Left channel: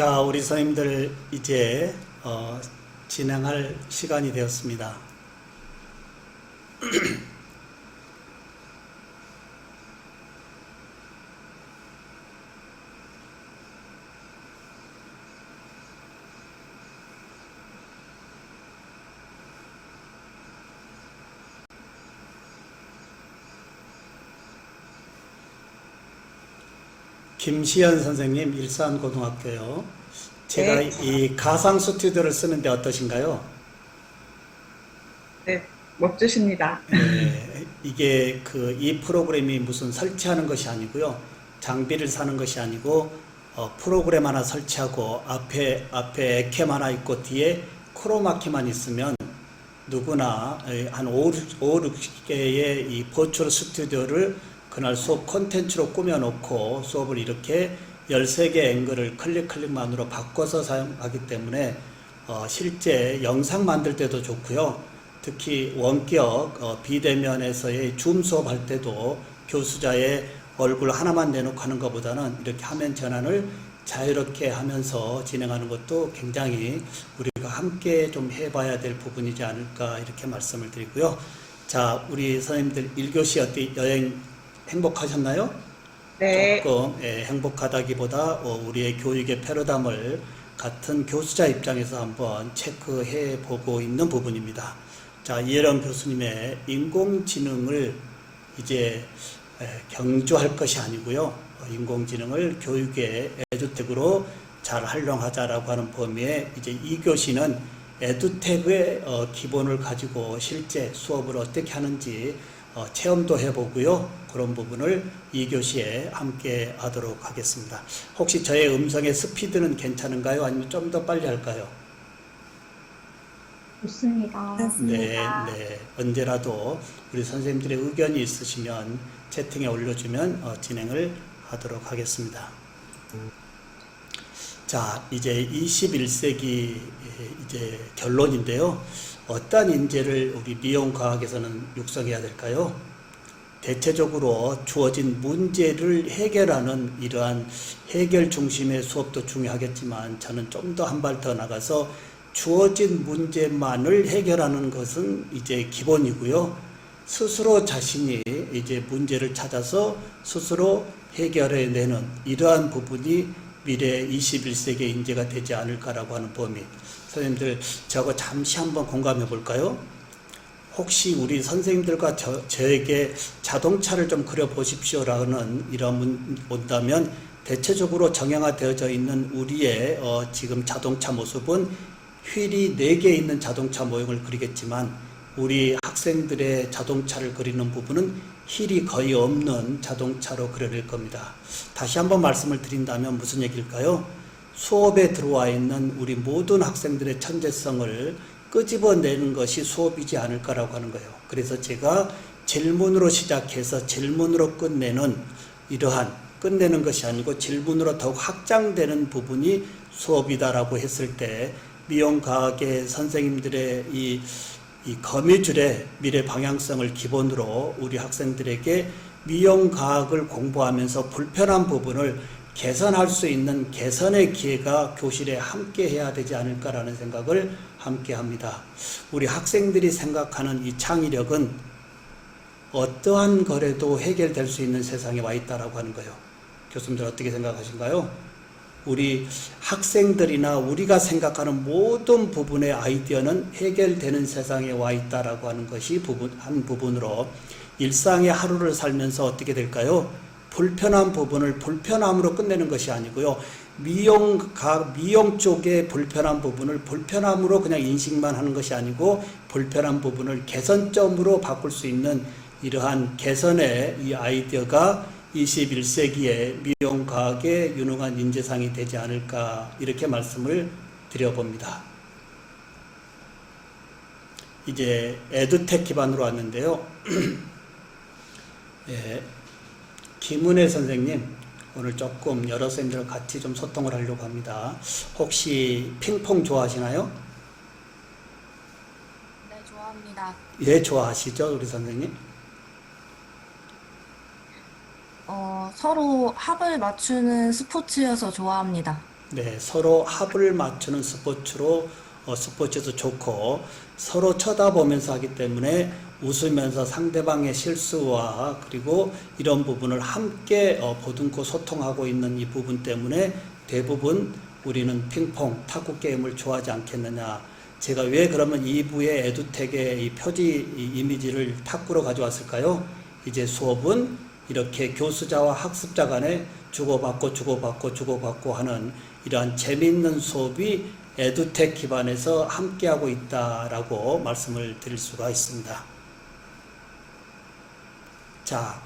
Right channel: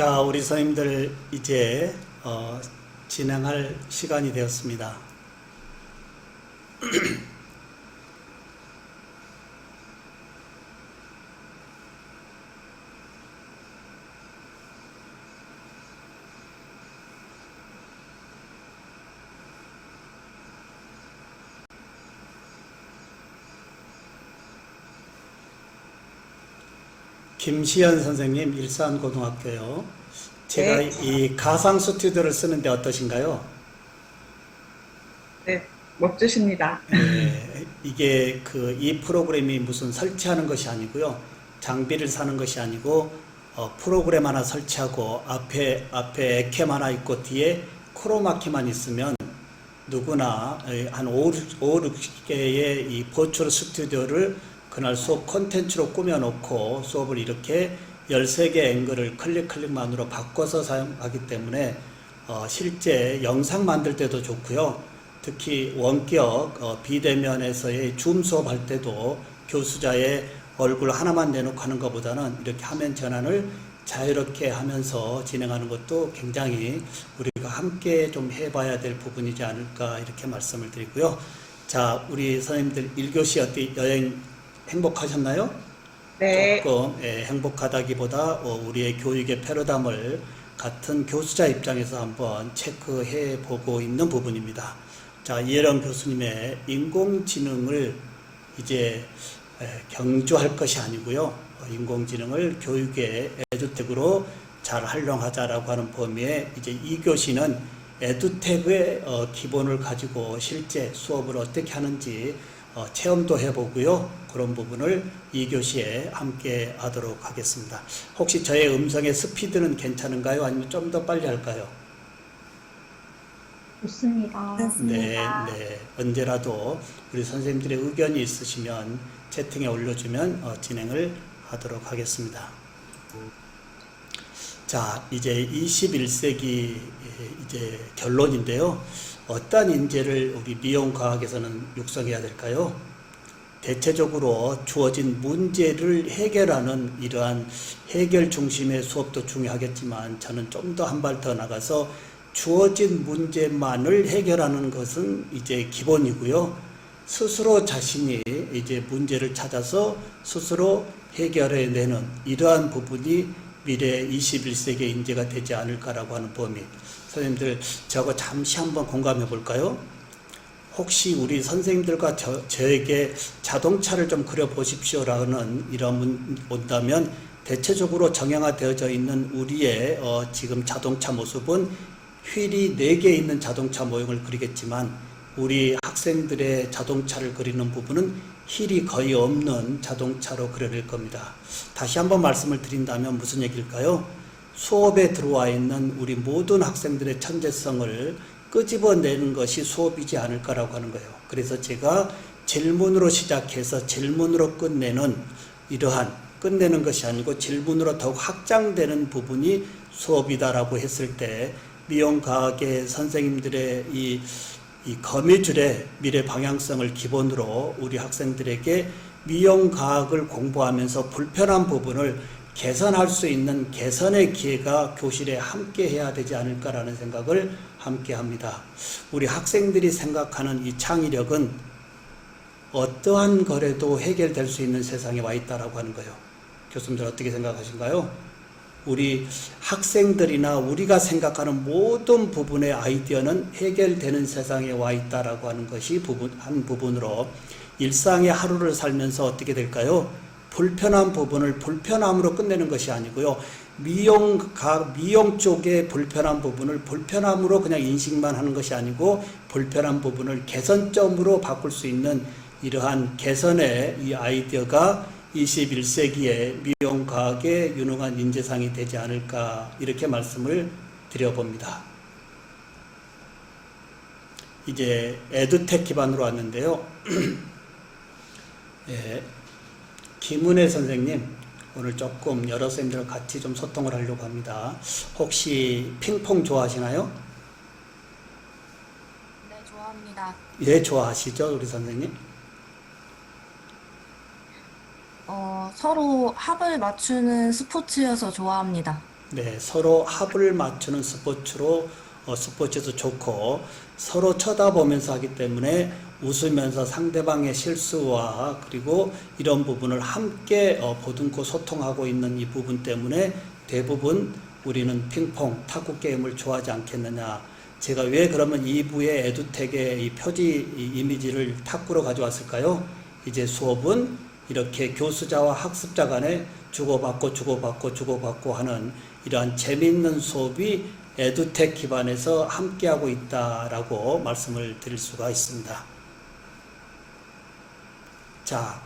자, 우리 선생님들 이제 진행할 시간이 되었습니다. 김시연 선생님, 일산고등학교요. 제가 네, 이 가상 스튜디오를 쓰는데 어떠신가요? 네, 멋지십니다. 이게 이 프로그램이 무슨 설치하는 것이 아니고요. 장비를 사는 것이 아니고 프로그램 하나 설치하고 앞에 에캠 하나 있고 뒤에 크로마키만 있으면 누구나 한 5, 6개의 이 버추얼 스튜디오를 그날 수업 콘텐츠로 꾸며놓고 수업을 이렇게 13개 앵글을 클릭만으로 바꿔서 사용하기 때문에 실제 영상 만들 때도 좋고요. 특히 원격 비대면에서의 줌 수업할 때도 교수자의 얼굴 하나만 내놓고 하는 것보다는 이렇게 화면 전환을 자유롭게 하면서 진행하는 것도 굉장히 우리가 함께 좀 해봐야 될 부분이지 않을까 이렇게 말씀을 드리고요. 자, 우리 선생님들 1교시 어때 여행 행복하셨나요? 네, 조금 행복하다기보다 우리의 교육의 패러다임을 같은 교수자 입장에서 한번 체크해 보고 있는 부분입니다. 자, 이혜령 교수님의 인공지능을 이제 경주할 것이 아니고요. 인공지능을 교육의 에듀텍으로 잘 활용하자라고 하는 범위에 이제 2교시는 에듀텍의 기본을 가지고 실제 수업을 어떻게 하는지 체험도 해보고요. 그런 부분을 2교시에 함께 하도록 하겠습니다. 혹시 저의 음성의 스피드는 괜찮은가요? 아니면 좀 더 빨리 할까요? 좋습니다. 네, 네. 언제라도 우리 선생님들의 의견이 있으시면 채팅에 올려주면 진행을 하도록 하겠습니다. 자, 이제 21세기 이제 결론인데요. 어떤 인재를 우리 미용과학에서는 육성해야 될까요? 대체적으로 주어진 문제를 해결하는 이러한 해결 중심의 수업도 중요하겠지만 저는 좀 더 한 발 더 나가서 주어진 문제만을 해결하는 것은 이제 기본이고요. 스스로 자신이 이제 문제를 찾아서 스스로 해결해내는 이러한 부분이 미래 21세기 인재가 되지 않을까라고 하는 범위. 선생님들, 저하고 잠시 한번 공감해 볼까요? 혹시 우리 선생님들과 저에게 자동차를 좀 그려보십시오라는 이런 문 온다면 대체적으로 정형화되어져 있는 우리의 지금 자동차 모습은 휠이 4개 있는 자동차 모형을 그리겠지만 우리 학생들의 자동차를 그리는 부분은 휠이 거의 없는 자동차로 그려낼 겁니다. 다시 한번 말씀을 드린다면 무슨 얘기일까요? 수업에 들어와 있는 우리 모든 학생들의 천재성을 끄집어내는 것이 수업이지 않을까라고 하는 거예요. 그래서 제가 질문으로 시작해서 질문으로 끝내는 이러한 끝내는 것이 아니고 질문으로 더욱 확장되는 부분이 수업이다라고 했을 때 미용과학의 선생님들의 이 거미줄의 미래 방향성을 기본으로 우리 학생들에게 미용과학을 공부하면서 불편한 부분을 개선할 수 있는 개선의 기회가 교실에 함께 해야 되지 않을까라는 생각을 함께 합니다. 우리 학생들이 생각하는 이 창의력은 어떠한 거래도 해결될 수 있는 세상에 와 있다라고 하는 거예요. 교수님들 어떻게 생각하신가요? 우리 학생들이나 우리가 생각하는 모든 부분의 아이디어는 해결되는 세상에 와 있다라고 하는 것이 한 부분으로 일상의 하루를 살면서 어떻게 될까요? 불편한 부분을 불편함으로 끝내는 것이 아니고요. 미용 쪽의 불편한 부분을 불편함으로 그냥 인식만 하는 것이 아니고 불편한 부분을 개선점으로 바꿀 수 있는 이러한 개선의 이 아이디어가 21세기의 미용과학의 유능한 인재상이 되지 않을까 이렇게 말씀을 드려봅니다. 이제 에듀텍 기반으로 왔는데요. 예, 김은혜 선생님 오늘 조금 여러 선생님들과 같이 좀 소통을 하려고 합니다. 혹시 핑퐁 좋아하시나요? 네, 좋아합니다. 예, 좋아하시죠 우리 선생님? 서로 합을 맞추는 스포츠여서 좋아합니다. 네, 서로 합을 맞추는 스포츠로 스포츠에서 좋고 서로 쳐다보면서 하기 때문에 웃으면서 상대방의 실수와 그리고 이런 부분을 함께 보듬고 소통하고 있는 이 부분 때문에 대부분 우리는 핑퐁, 탁구 게임을 좋아하지 않겠느냐. 제가 왜 그러면 2부의 에듀텍의 이 표지 이미지를 탁구로 가져왔을까요? 이제 수업은 이렇게 교수자와 학습자 간에 주고받고 하는 이러한 재미있는 수업이 에듀텍 기반에서 함께하고 있다라고 말씀을 드릴 수가 있습니다. 자,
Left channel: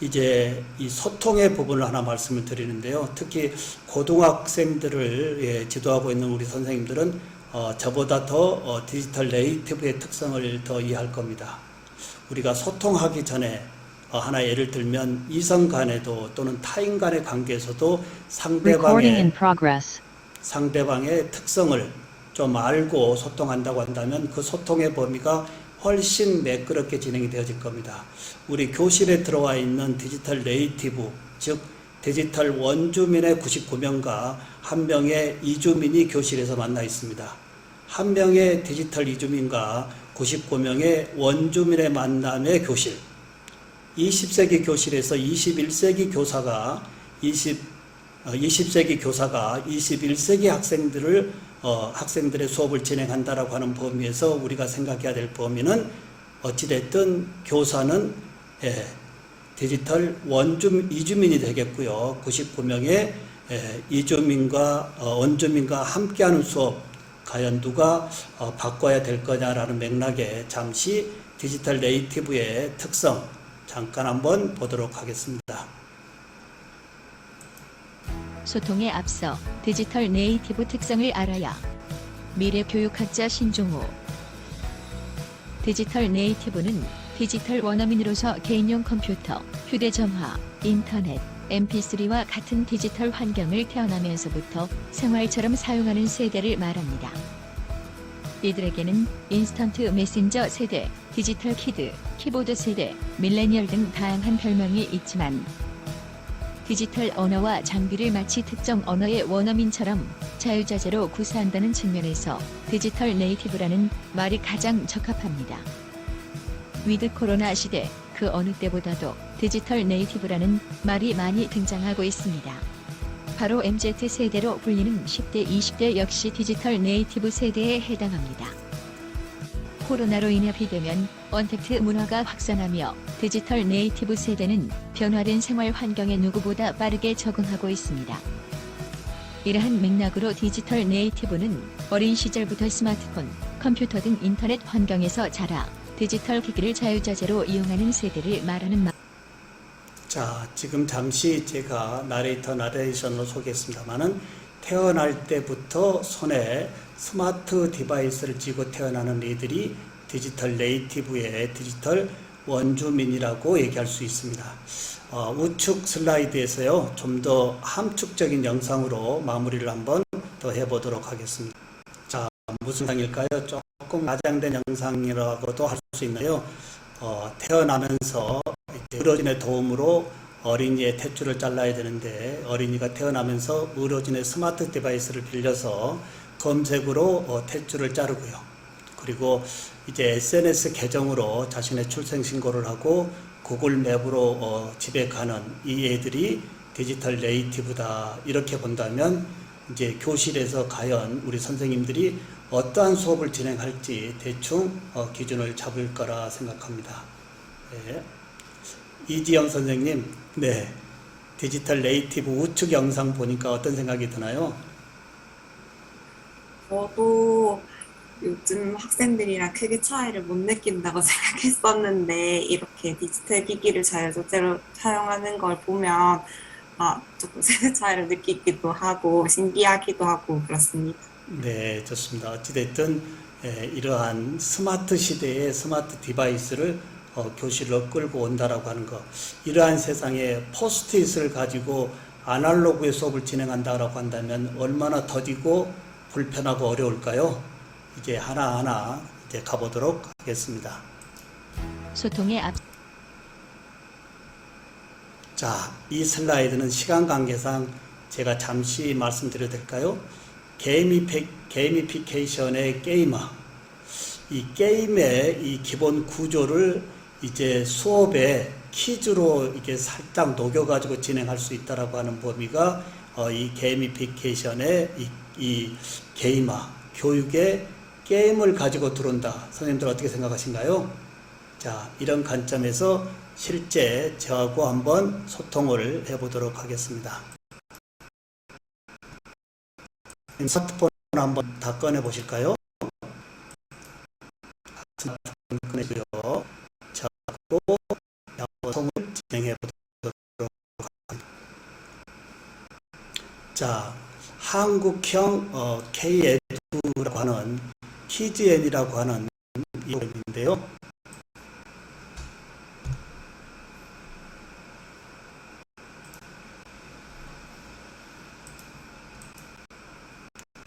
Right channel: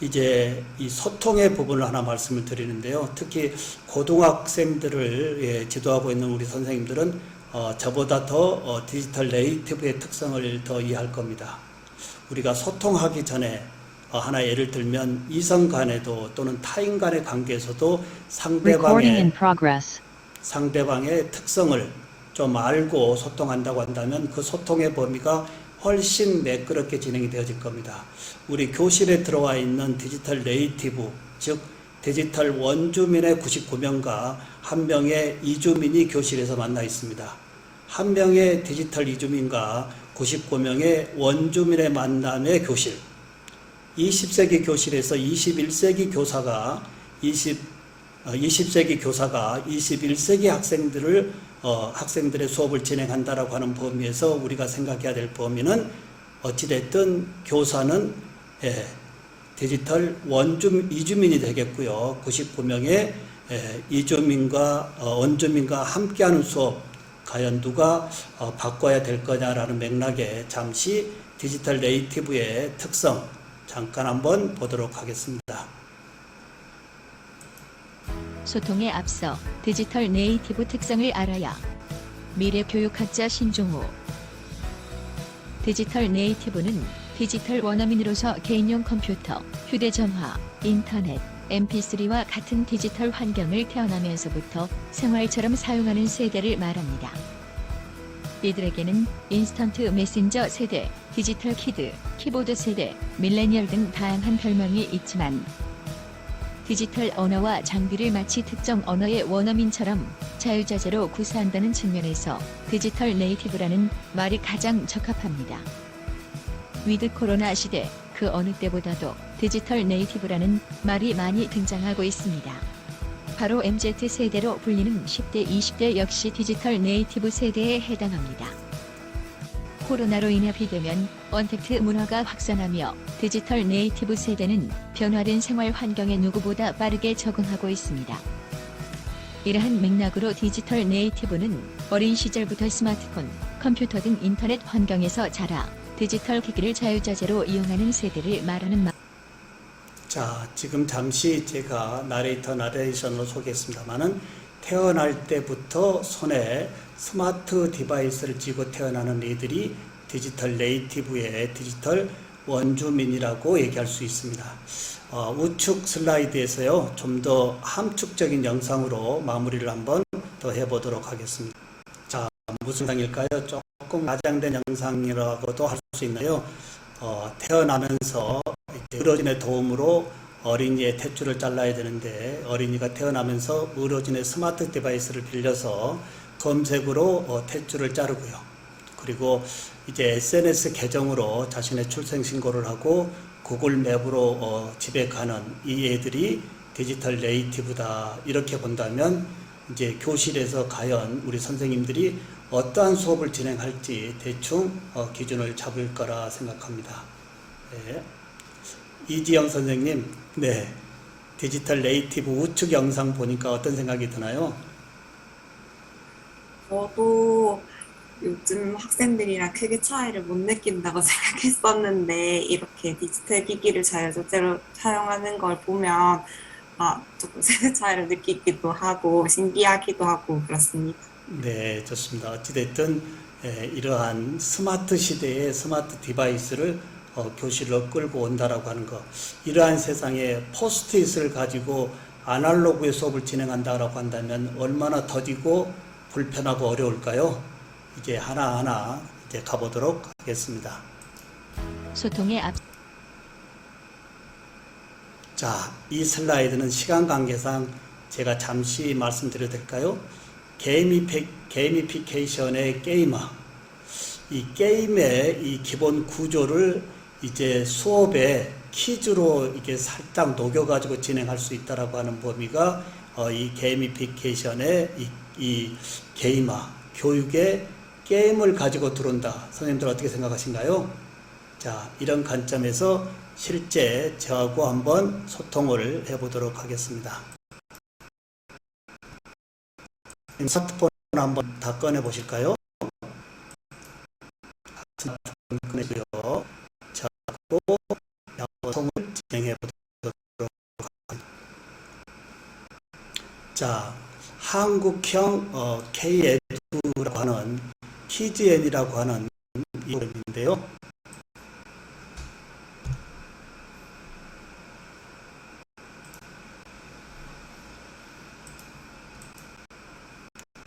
이제 이 소통의 부분을 하나 말씀을 드리는데요. 특히 고등학생들을 지도하고 있는 우리 선생님들은 저보다 더 디지털 네이티브의 특성을 더 이해할 겁니다. 우리가 소통하기 전에 하나 예를 들면 이성 간에도 또는 타인 간의 관계에서도 Recording in progress. 상대방의 특성을 좀 알고 소통한다고 한다면 그 소통의 범위가 훨씬 매끄럽게 진행이 되어질 겁니다. 우리 교실에 들어와 있는 디지털 네이티브, 즉 디지털 원주민의 99명과 한 명의 이주민이 교실에서 만나 있습니다. 한 명의 디지털 이주민과 99명의 원주민의 만남의 교실. 20세기 교실에서 21세기 교사가 20세기 교사가 21세기 학생들의 수업을 진행한다라고 하는 범위에서 우리가 생각해야 될 범위는 어찌됐든 교사는 디지털 이주민이 되겠고요. 99명의 이주민과 원주민과 함께하는 수업, 과연 누가 바꿔야 될 거냐라는 맥락에 잠시 디지털 네이티브의 특성 잠깐 한번 보도록 하겠습니다. 소통에 앞서 디지털 네이티브 특성을 알아야. 미래 교육학자 신종호. 디지털 네이티브는 디지털 원어민으로서 개인용 컴퓨터, 휴대전화, 인터넷, mp3와 같은 디지털 환경을 태어나면서부터 생활처럼 사용하는 세대를 말합니다. 이들에게는 인스턴트 메신저 세대, 디지털 키드, 키보드 세대, 밀레니얼 등 다양한 별명이 있지만 디지털 언어와 장비를 마치 특정 언어의 원어민처럼 자유자재로 구사한다는 측면에서 디지털 네이티브라는 말이 가장 적합합니다. 위드 코로나 시대, 그 어느 때보다도 디지털 네이티브라는 말이 많이 등장하고 있습니다. 바로 MZ세대로 불리는 10대, 20대 역시 디지털 네이티브 세대에 해당합니다. 코로나로 인해 비대면, 언택트 문화가 확산하며 디지털 네이티브 세대는 변화된 생활 환경에 누구보다 빠르게 적응하고 있습니다. 이러한 맥락으로 디지털 네이티브는 어린 시절부터 스마트폰, 컴퓨터 등 인터넷 환경에서 자라 디지털 기기를 자유자재로 이용하는 세대를 말하는 말. 자, 지금 잠시 제가 나레이션으로 소개했습니다만은 태어날 때부터 손에 스마트 디바이스를 쥐고 태어나는 이들이 디지털 네이티브의 디지털 원주민이라고 얘기할 수 있습니다. 우측 슬라이드에서요, 좀 더 함축적인 영상으로 마무리를 한번 더 해보도록 하겠습니다. 자, 무슨 영상일까요? 조금 과장된 영상이라고도 할 수 있나요? 태어나면서 의료진의 도움으로 어린이의 탯줄을 잘라야 되는데 어린이가 태어나면서 의료진의 스마트 디바이스를 빌려서 검색으로 탯줄을 자르고요. 그리고 이제 SNS 계정으로 자신의 출생 신고를 하고 구글 맵으로 집에 가는 이 애들이 디지털 네이티브다. 이렇게 본다면 이제 교실에서 과연 우리 선생님들이 어떠한 수업을 진행할지 대충 기준을 잡을 거라 생각합니다. 네. 이지영 선생님, 네, 디지털 네이티브 우측 영상 보니까 어떤 생각이 드나요? 저도 요즘 학생들이랑 크게 차이를 못 느낀다고 생각했었는데 이렇게 디지털 기기를 자유자재로 사용하는 걸 보면 조금 세대 차이를 느끼기도 하고 신기하기도 하고 그렇습니다. 네, 좋습니다. 어찌됐든 이러한 스마트 시대의 스마트 디바이스를 교실로 끌고 온다라고 하는 것, 이러한 세상에 포스트잇을 가지고 아날로그의 수업을 진행한다라고 한다면 얼마나 더디고 불편하고 어려울까요? 이제 하나하나 이제 가보도록 하겠습니다. 소통의 앞. 자, 이 슬라이드는 시간 관계상 제가 잠시 말씀드려도 될까요? 게이미피케이션의 게이머. 이 게임의 이 기본 구조를 이제 수업에 퀴즈로 이게 살짝 녹여가지고 진행할 수 있다라고 하는 범위가 이 게이미피케이션의 이 게이머, 교육에 게임을 가지고 들어온다. 선생님들 어떻게 생각하신가요? 자, 이런 관점에서 실제 저하고 한번 소통을 해보도록 하겠습니다. 스마트폰 한번 다 꺼내 보실까요? 스마트폰 꺼내고요. 자, 소통을 진행해 보도록 하겠습니다. 자, 한국형 K-에듀라고 하는 TGN이라고 하는 이름인데요.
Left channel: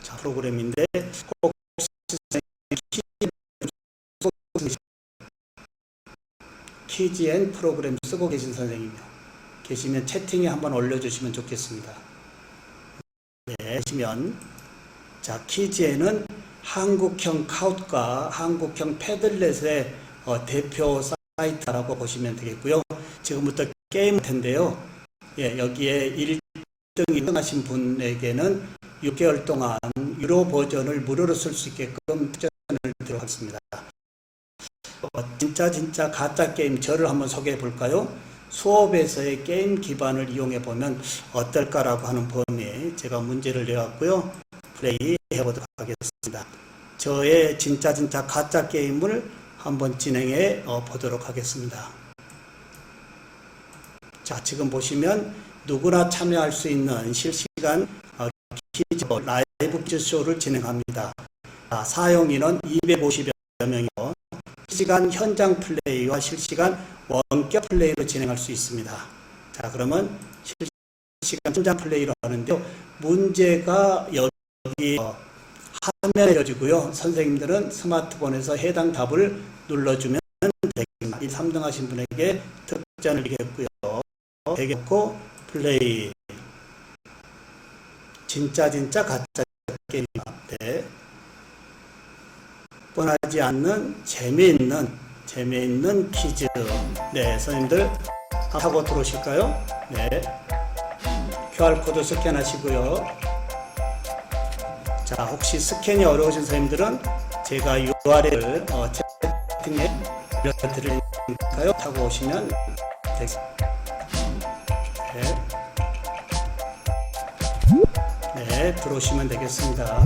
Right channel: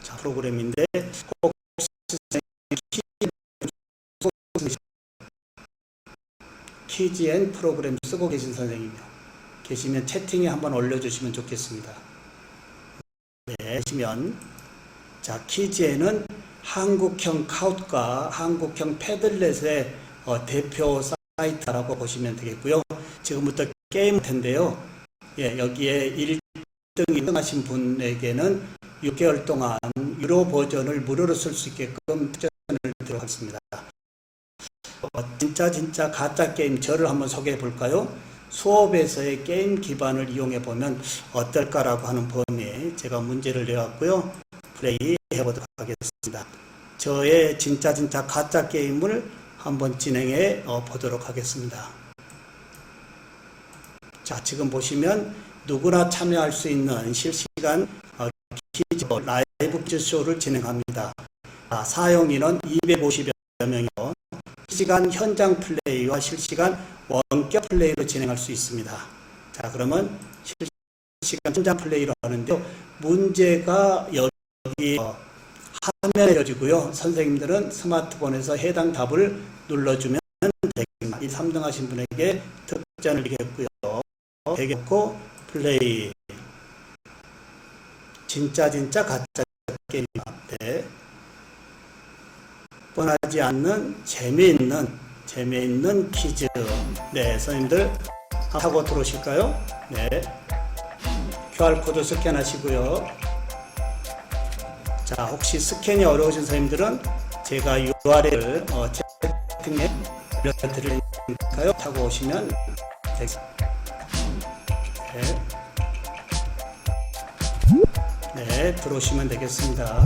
자, 프로그램인데 혹시 TGN 프로그램 쓰고 계신 선생님이요. 계시면 채팅에 한번 올려주시면 좋겠습니다. 네, 계시면 자, TGN은 한국형 카웃과 한국형 패들렛의 대표 사이트라고 보시면 되겠고요. 지금부터 게임 텐데요. 예, 여기에 1등이 끝나신 분에게는 6개월 동안 유료 버전을 무료로 쓸 수 있게끔 추천을 드리도록 하겠습니다. 진짜 가짜 게임 저를 한번 소개해 볼까요? 수업에서의 게임 기반을 이용해 보면 어떨까라고 하는 범위에 제가 문제를 내왔고요. 플레이 해보도록 하겠습니다. 저의 진짜 가짜 게임을 한번 진행해 보도록 하겠습니다. 자, 지금 보시면 누구나 참여할 수 있는 실시간 퀴즈 라이브 퀴즈쇼를 진행합니다. 자, 사용인은 250여 명이요. 실시간 현장 플레이와 실시간 원격 플레이로 진행할 수 있습니다. 자, 그러면 실시간 현장 플레이로 하는데요. 문제가 여기 화면에 져지고요. 선생님들은 스마트폰에서 해당 답을 눌러주면 되겠습니다. 이 3등 하신 분에게 특전을 드리겠고요. 되겠고 플레이 진짜 가짜 게임 앞에 뻔하지 않는 재미있는 퀴즈. 네, 선생님들 하고 들어오실까요? 네, QR코드 스캔하시고요. 자, 혹시 스캔이 어려우신 선생님들은 제가 URL을 채팅에 올려드릴까요? 타고 오시면 되겠습니다. 네, 들어오시면 되겠습니다.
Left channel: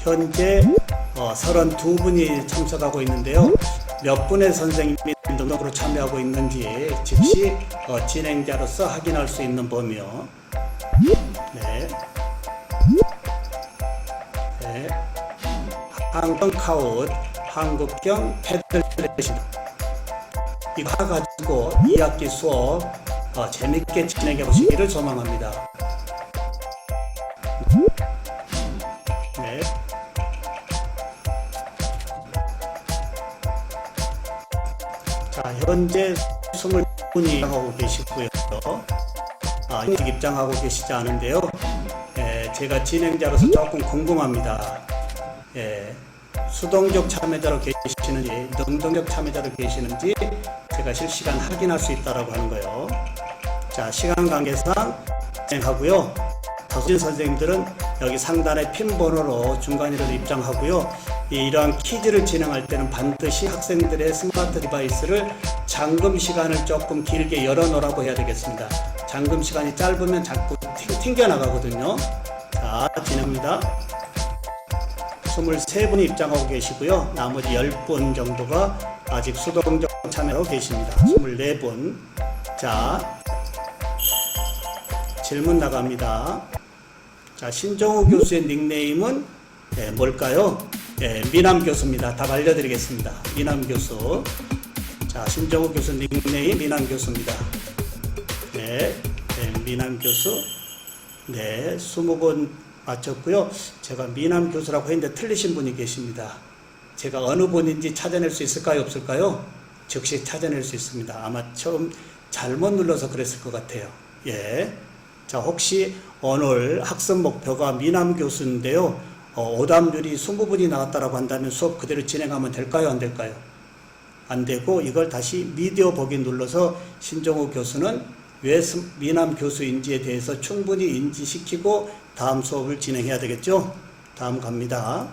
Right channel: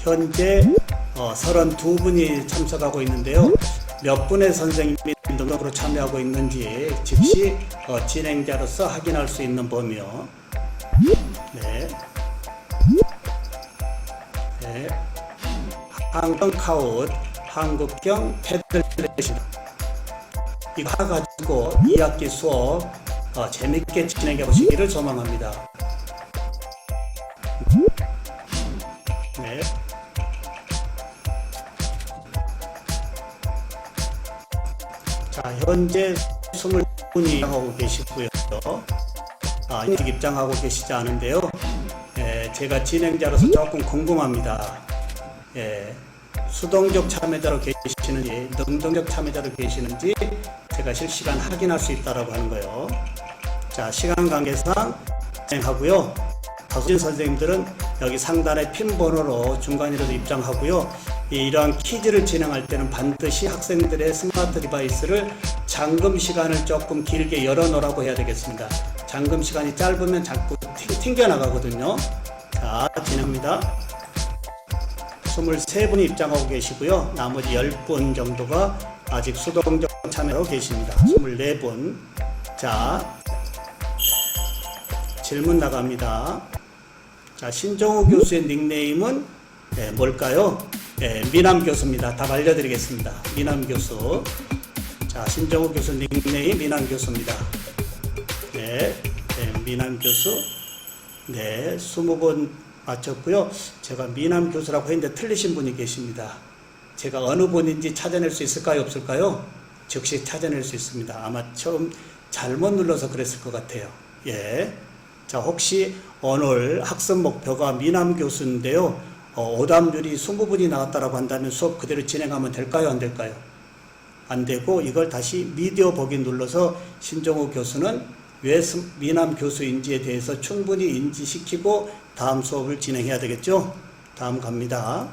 현재 32분이 참석하고 있는데요. 몇 분의 선생님이 등록으로 참여하고 있는지 즉시 진행자로서 확인할 수 있는 범위요. 네. 네. 한국 카웃, 한국형 패들렛 이거 가지고 2학기 수업 재밌게 진행해 보시기를 소망합니다. 네. 자, 현재 20분이 입장하고 계시고요. 아직 입장하고 계시지 않은데요. 제가 진행자로서 조금 궁금합니다. 수동적 참여자로 계시는지 능동적 참여자로 계시는지 제가 실시간 확인할 수 있다라고 하는 거예요. 자, 시간 관계상 진행하고요. 다수의 선생님들은 여기 상단에 핀 번호로 중간이라도 입장하고요. 이러한 퀴즈를 진행할 때는 반드시 학생들의 스마트 디바이스를 잠금 시간을 조금 길게 열어놓으라고 해야 되겠습니다. 잠금 시간이 짧으면 자꾸 튕겨나가거든요. 자, 진행합니다. 23분이 입장하고 계시고요. 나머지 10분 정도가 아직 수동적 참여로 계십니다. 24분. 자, 질문 나갑니다. 자, 신정우 교수의 닉네임은 뭘까요? 미남 교수입니다. 답 알려드리겠습니다. 미남 교수. 자, 신정우 교수 닉네임 미남 교수입니다. 미남 교수. 네, 20번 맞췄고요. 제가 미남 교수라고 했는데 틀리신 분이 계십니다. 제가 어느 분인지 찾아낼 수 있을까요? 없을까요? 즉시 찾아낼 수 있습니다. 아마 처음 잘못 눌러서 그랬을 것 같아요. 예. 자, 혹시 오늘 학습 목표가 미남 교수인데요. 오답률이 20분이 나왔다라고 한다면 수업 그대로 진행하면 될까요? 안 될까요? 안 되고 이걸 다시 미디어 보기 눌러서 신종호 교수는 왜 미남 교수인지에 대해서 충분히 인지시키고 다음 수업을 진행해야 되겠죠? 다음 갑니다.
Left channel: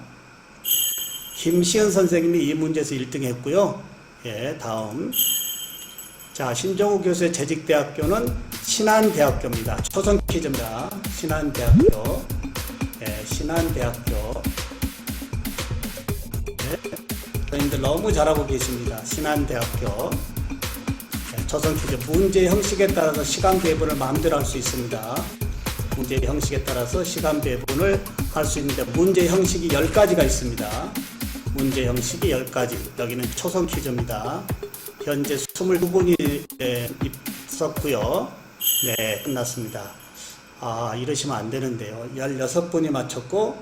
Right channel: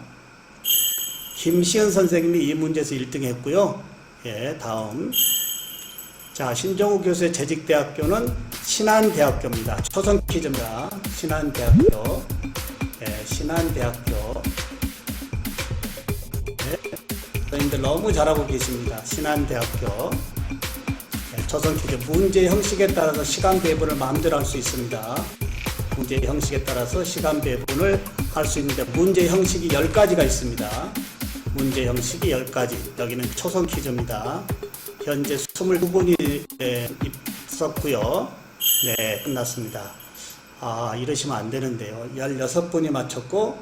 김시은 선생님이 이 문제에서 1등 했고요. 예, 다음. 자, 신종호 교수의 재직대학교는 신한대학교입니다. 초선 퀴즈입니다. 신한대학교. 예, 신한대학교. 선생님들 너무 잘하고 계십니다. 신한대학교. 예, 초선 퀴즈. 문제 형식에 따라서 시간 배분을 마음대로 할 수 있습니다. 문제 형식에 따라서 시간 배분을 할 수 있는데 문제 형식이 10가지가 있습니다. 문제 형식이 10가지. 여기는 초선 퀴즈입니다. 현재 22분이 있었고요. 네, 끝났습니다. 아, 이러시면 안 되는데요. 16분이 맞췄고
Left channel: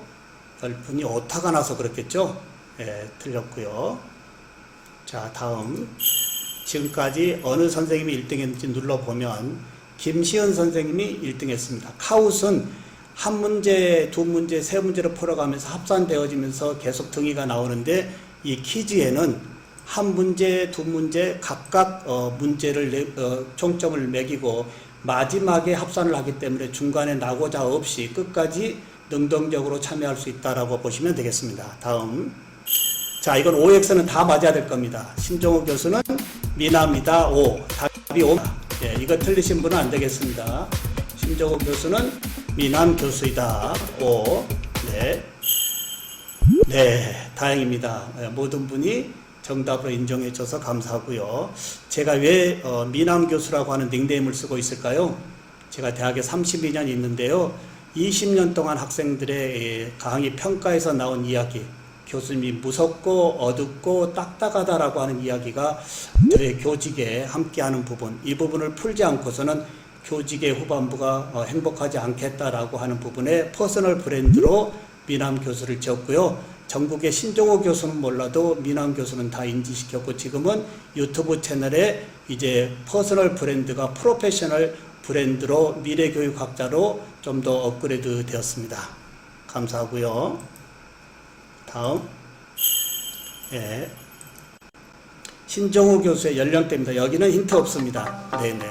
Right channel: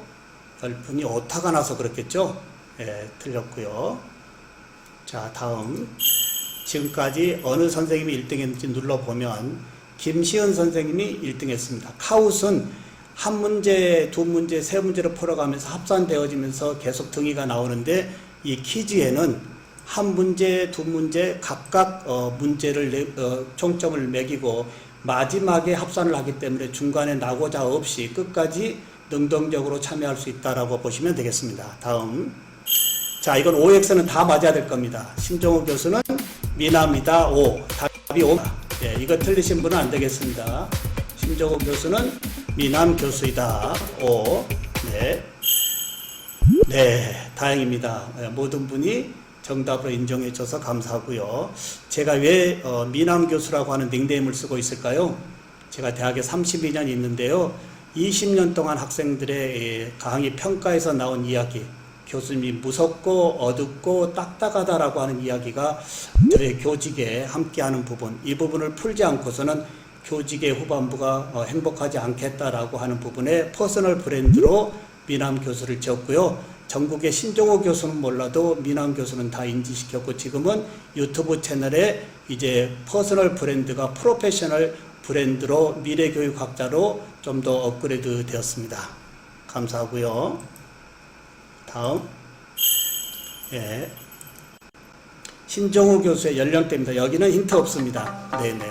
10분이 오타가 나서 그렇겠죠? 네, 틀렸고요. 자, 다음. 지금까지 어느 선생님이 1등 했는지 눌러보면 김시은 선생님이 1등 했습니다. 카웃은 한 문제, 두 문제, 세 문제를 풀어가면서 합산되어지면서 계속 등위가 나오는데 이 퀴즈에는 한 문제, 두 문제 각각 문제를 총점을 매기고 마지막에 합산을 하기 때문에 중간에 나고자 없이 끝까지 능동적으로 참여할 수 있다라고 보시면 되겠습니다. 다음. 자, 이건 OX는 다 맞아야 될 겁니다. 신종호 교수는 미남이다. O. 답이 O다. 네, 이거 틀리신 분은 안 되겠습니다. 신종호 교수는 미남 교수이다. O. 네. 네, 다행입니다. 모든 분이 정답으로 인정해 줘서 감사하고요. 제가 왜 미남 교수라고 하는 닉네임을 쓰고 있을까요? 제가 대학에 32년 있는데요. 20년 동안 학생들의 강의 평가에서 나온 이야기, 교수님이 무섭고 어둡고 딱딱하다라고 하는 이야기가 저의 교직에 함께하는 부분, 이 부분을 풀지 않고서는 교직의 후반부가 행복하지 않겠다라고 하는 부분에 퍼스널 브랜드로 미남 교수를 지었고요. 전국의 신종호 교수는 몰라도 미남 교수는 다 인지시켰고 지금은 유튜브 채널에 이제 퍼스널 브랜드가 프로페셔널 브랜드로 미래교육학자로 좀 더 업그레이드 되었습니다. 감사하고요. 다음. 예. 신종호 교수의 연령대입니다. 여기는 힌트 없습니다. 네네.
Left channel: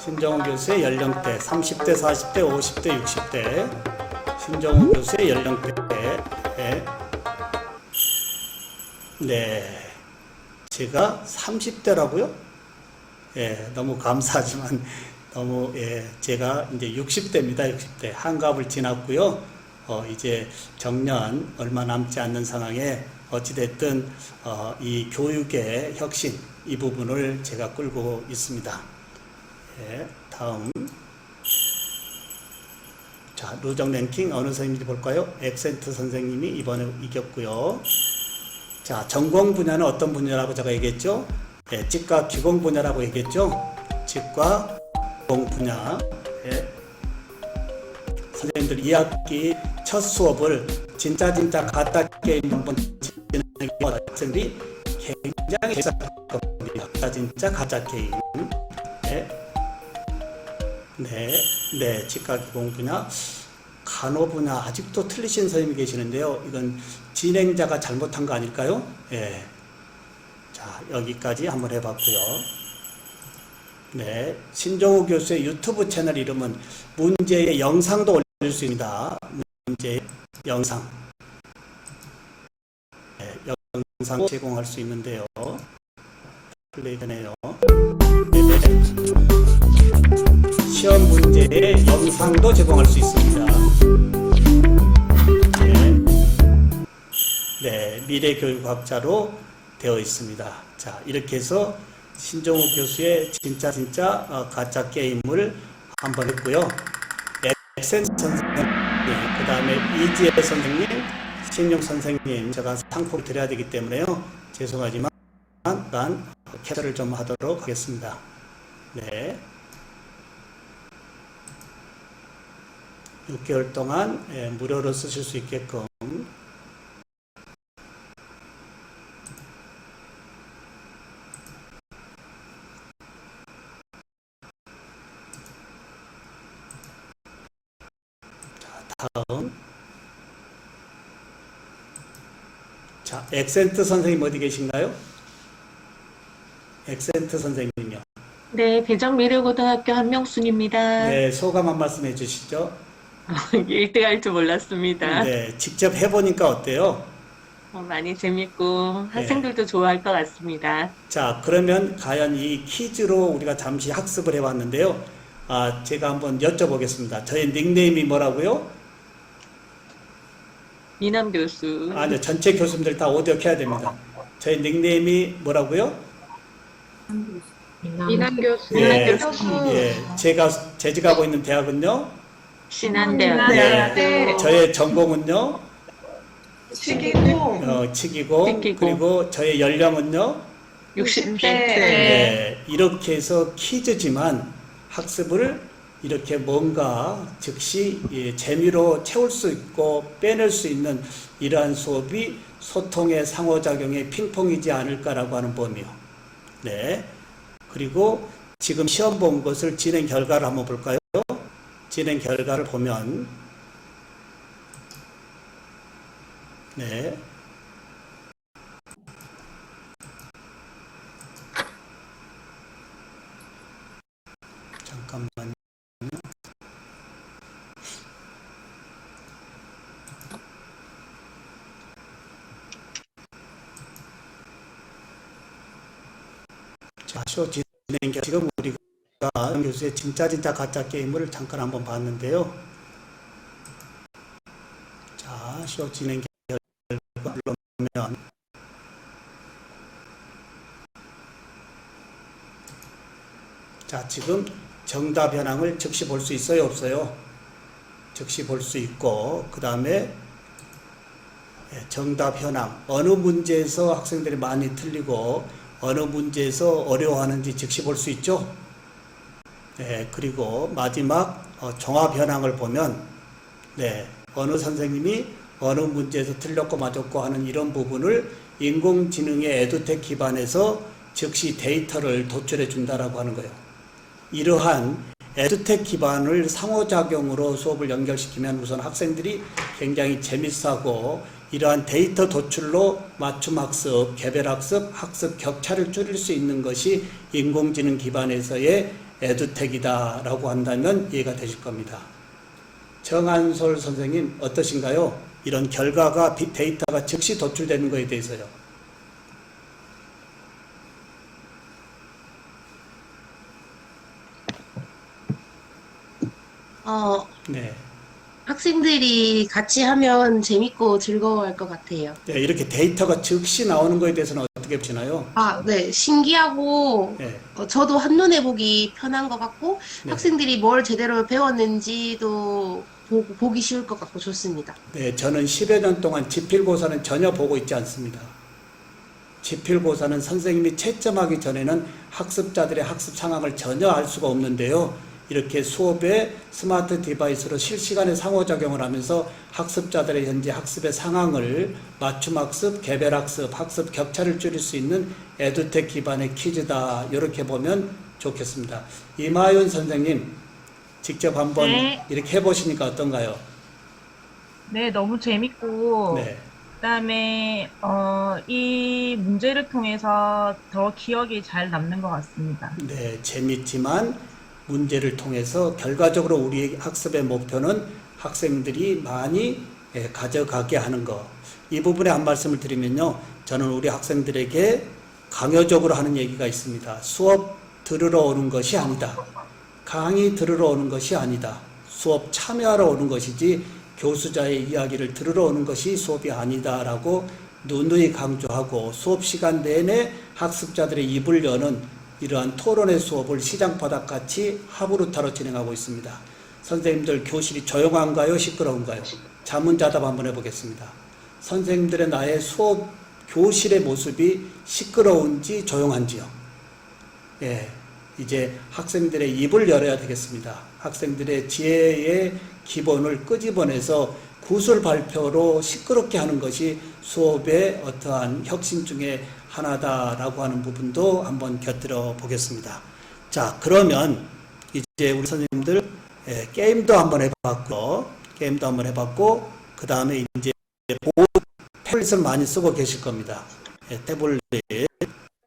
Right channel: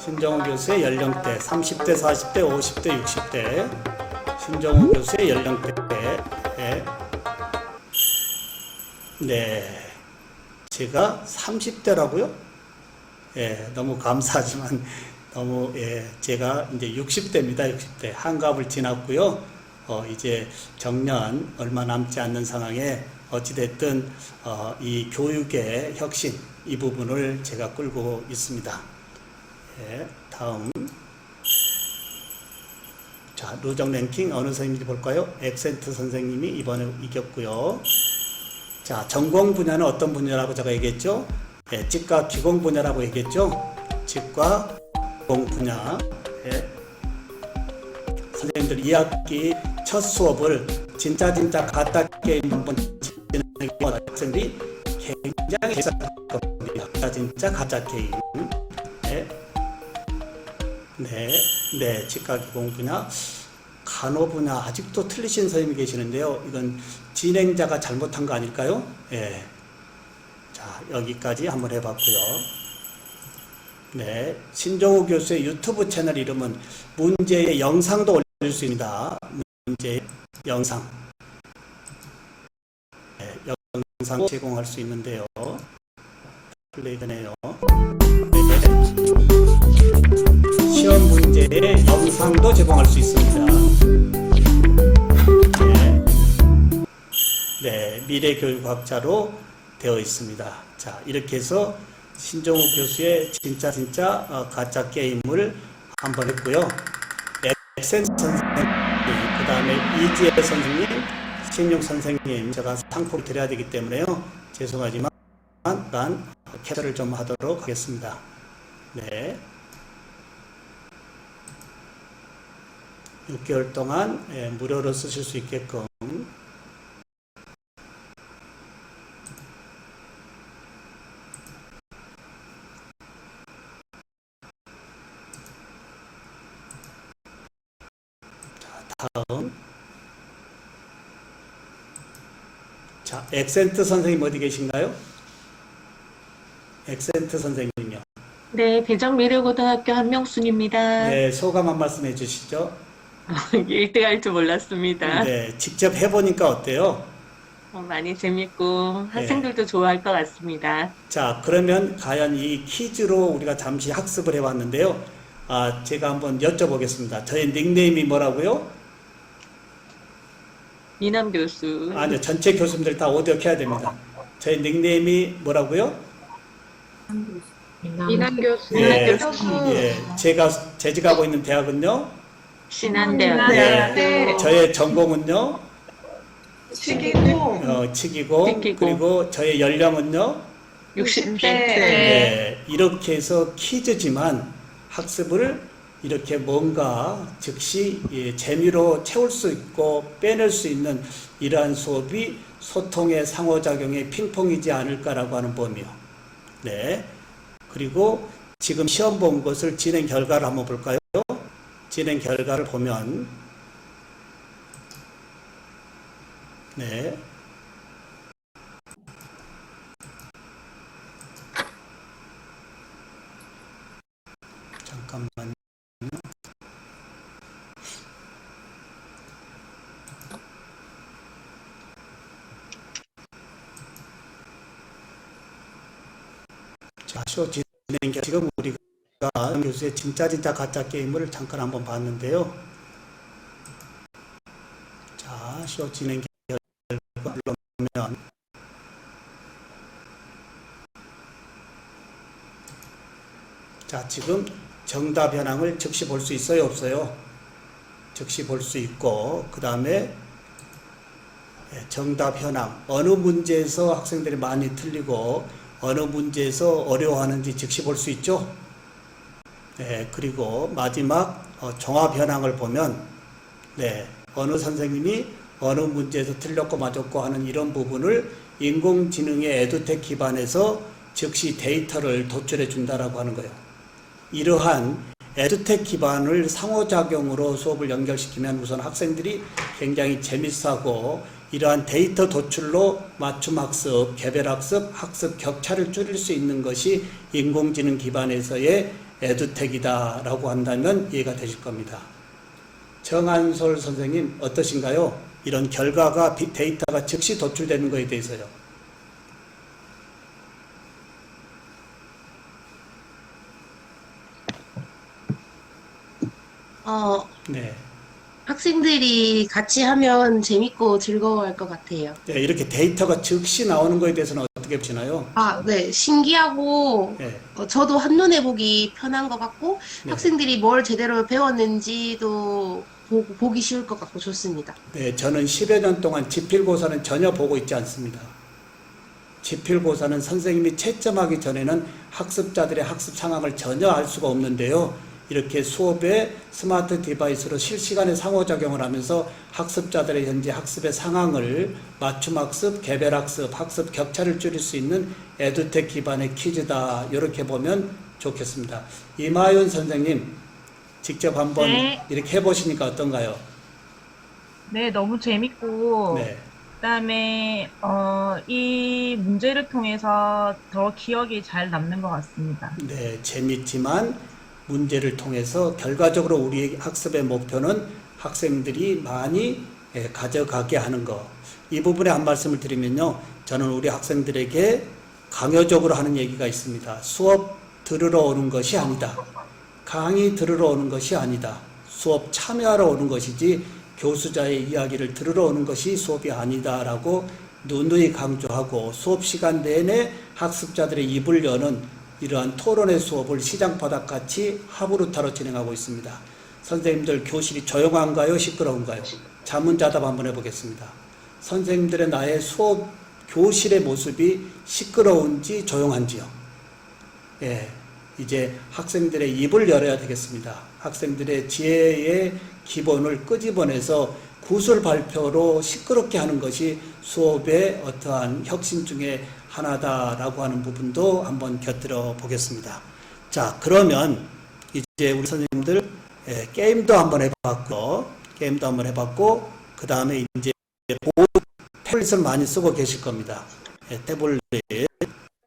신종호 교수의 연령대 30대, 40대, 50대, 60대. 신종호 교수의 연령대. 네, 제가 30대라고요? 예, 너무 감사하지만 너무 제가 이제 60대입니다. 60대 한갑을 지났고요. 이제 정년 얼마 남지 않는 상황에 어찌됐든 이 교육의 혁신 이 부분을 제가 끌고 있습니다. 예, 다음. 자, 누적 랭킹 어느 선생님인지 볼까요? 엑센트 선생님이 이번에 이겼고요. 자, 전공 분야는 어떤 분야라고 제가 얘기했죠? 네, 치과 기공 분야라고 얘기했죠? 치과 기공 분야. 네. 선생님들 2학기 첫 수업을 진짜 가짜 게임 한번 진행해본 학생들이 굉장히 재밌었거든요. 진짜 가짜 게임. 네. 네, 치과 기공 분야. 간호 분야 아직도 틀리신 선생님이 계시는데요. 이건 진행자가 잘못한 거 아닐까요? 예. 자, 여기까지 한번 해봤고요. 네, 신종호 교수의 유튜브 채널 이름은 문제의 영상도 올릴 수 있습니다. 문제의 영상. 네, 영상 제공할 수 있는데요. 플레이 되네요. 시험 문제의 영상도 제공할 수 있습니다. 네, 미래교육학자로 되어 있습니다. 자, 이렇게 해서 신종호 교수의 진짜 가짜 게임을 한번 했고요. 엑센 선생님, 그 다음에 이지혜 선생님, 신용 선생님 제가 상품 드려야 되기 때문에요. 죄송하지만 난 캡처를 좀 하도록 하겠습니다. 네. 6개월 동안 무료로 쓰실 수 있게끔 자, 엑센트 선생님 어디 계신가요? 엑센트 선생님이요. 네, 대전미래고등학교 한명순입니다. 네, 소감 한 말씀 해주시죠. 1등 할 줄 몰랐습니다. 네, 직접 해보니까 어때요? 많이 재밌고 학생들도 좋아할 것 같습니다. 자, 그러면 과연 이 퀴즈로 우리가 잠시 학습을 해봤는데요. 제가 한번 여쭤보겠습니다. 저의 닉네임이 뭐라고요? 이남 교수. 아니요, 전체 교수님들 다 오디오켜야 됩니다. 저의 닉네임이 뭐라고요? 이남 교수. 네, 교수. 네, 제가 재직하고 있는 대학은요. 신한대학. 네. 저의 전공은요. 치기고 치기고. 치기고. 그리고 저의 연령은요. 60대. 네, 이렇게 해서 퀴즈지만 학습을 이렇게 뭔가 즉시 재미로 채울 수 있고 빼낼 수 있는 이러한 수업이 소통의 상호작용의 핑퐁이지 않을까라고 하는 범위요. 네. 그리고 지금 시험 본 것을 진행 결과를 한번 볼까요? 진행 결과를 보면 네. 잠깐만요. 자, 시험 진행 지금 우리가 교수의 진짜 가짜 게임을 잠깐 한번 봤는데요. 자, 시험 진행 결과 보면 자, 지금 정답 현황을 즉시 볼 수 있어요, 없어요? 즉시 볼 수 있고, 그 다음에 정답 현황, 어느 문제에서 학생들이 많이 틀리고 어느 문제에서 어려워하는지 즉시 볼 수 있죠. 그리고 마지막 종합 현황을 보면 어느 선생님이 어느 문제에서 틀렸고 맞았고 하는 이런 부분을 인공지능의 에듀텍 기반에서 즉시 데이터를 도출해 준다라고 하는 거예요. 이러한 에듀텍 기반을 상호작용으로 수업을 연결시키면 우선 학생들이 굉장히 재밌어하고 이러한 데이터 도출로 맞춤학습, 개별학습, 학습 격차를 줄일 수 있는 것이 인공지능 기반에서의 에듀텍이다 라고 한다면 이해가 되실 겁니다. 정한솔 선생님 어떠신가요? 이런 결과가 데이터가 즉시 도출되는 것에 대해서요. 네. 학생들이 같이 하면 재밌고 즐거워할 것 같아요. 네, 이렇게 데이터가 즉시 나오는 것에 대해서는 어떻게 보시나요? 네, 신기하고, 네. 저도 한눈에 보기 편한 것 같고, 학생들이 뭘 제대로 배웠는지도 보기 쉬울 것 같고 좋습니다. 네, 저는 10여 년 동안 지필고사는 전혀 보고 있지 않습니다. 지필고사는 선생님이 채점하기 전에는 학습자들의 학습 상황을 전혀 알 수가 없는데요. 이렇게 수업에 스마트 디바이스로 실시간에 상호작용을 하면서 학습자들의 현재 학습의 상황을 맞춤학습, 개별학습, 학습 격차를 줄일 수 있는 에듀텍 기반의 퀴즈다. 이렇게 보면 좋겠습니다. 이마윤 선생님, 직접 한번 이렇게 해보시니까 어떤가요? 네, 너무 재밌고, 네. 그다음에 이 문제를 통해서 더 기억이 잘 남는 것 같습니다. 네, 재밌지만 문제를 통해서 결과적으로 우리 학습의 목표는 학생들이 많이 가져가게 하는 것. 이 부분에 한 말씀을 드리면요. 저는 우리 학생들에게 강요적으로 하는 얘기가 있습니다. 수업 들으러 오는 것이 아니다. 강의 들으러 오는 것이 아니다. 수업 참여하러 오는 것이지 교수자의 이야기를 들으러 오는 것이 수업이 아니다라고 누누이 강조하고 수업 시간 내내 학습자들의 입을 여는 이러한 토론의 수업을 시장바닥같이 하부루타로 진행하고 있습니다. 선생님들 교실이 조용한가요? 시끄러운가요? 자문자답 한번 해보겠습니다. 선생님들의 나의 수업 교실의 모습이 시끄러운지 조용한지요? 이제 학생들의 입을 열어야 되겠습니다. 학생들의 지혜의 기본을 끄집어내서 구술 발표로 시끄럽게 하는 것이 수업의 어떠한 혁신 중에 하나다라고 하는 부분도 한번 곁들여 보겠습니다. 자, 그러면 이제 우리 선생님들 게임도 한번 해봤고, 그 다음에 이제 보드 태블릿을 많이 쓰고 계실 겁니다. 예, 태블릿.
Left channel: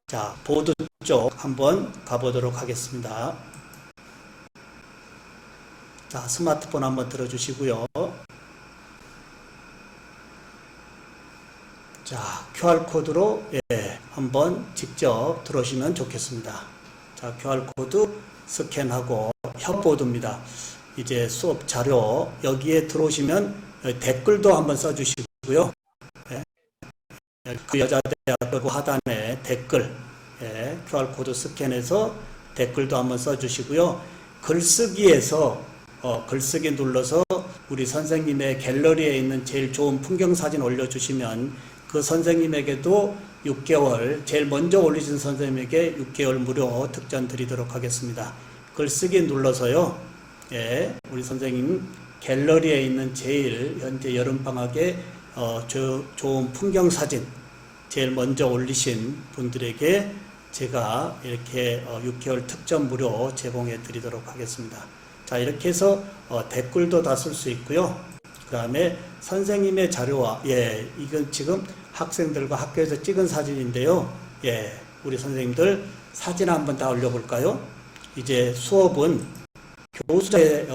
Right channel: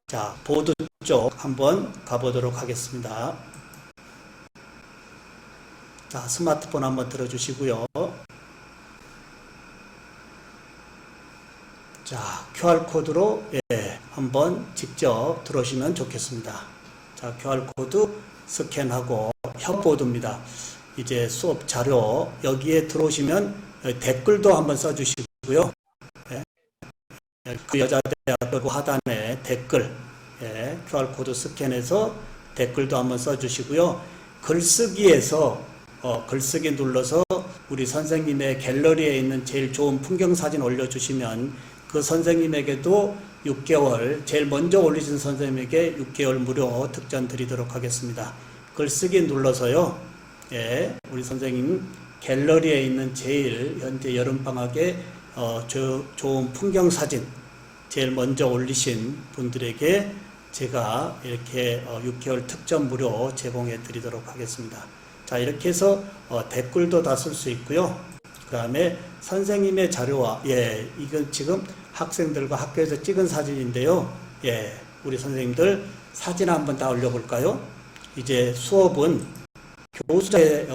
자, 보드 쪽 한번 가보도록 하겠습니다. 자, 스마트폰 한번 들어주시고요. 자, QR코드로 한번 직접 들어오시면 좋겠습니다. 자, QR코드 스캔하고 협보드입니다. 이제 수업 자료 여기에 들어오시면 댓글도 한번 써주시고요. 그 여자대학교 하단에 댓글 QR코드 스캔해서 댓글도 한번 써주시고요. 글쓰기에서 글쓰기 눌러서 우리 선생님의 갤러리에 있는 제일 좋은 풍경사진 올려주시면 그 선생님에게도 6개월, 제일 먼저 올리신 선생님에게 6개월 무료 특전 드리도록 하겠습니다. 글쓰기 눌러서요. 우리 선생님 갤러리에 있는 제일 현재 여름방학에 좋은 풍경사진 제일 먼저 올리신 분들에게 제가 이렇게 6개월 특전 무료 제공해 드리도록 하겠습니다. 자, 이렇게 해서 댓글도 다 쓸 수 있고요. 그 다음에 선생님의 자료와 이건 지금 학생들과 학교에서 찍은 사진인데요. 우리 선생님들 사진 한번 다 올려볼까요? 이제 수업은 교수자의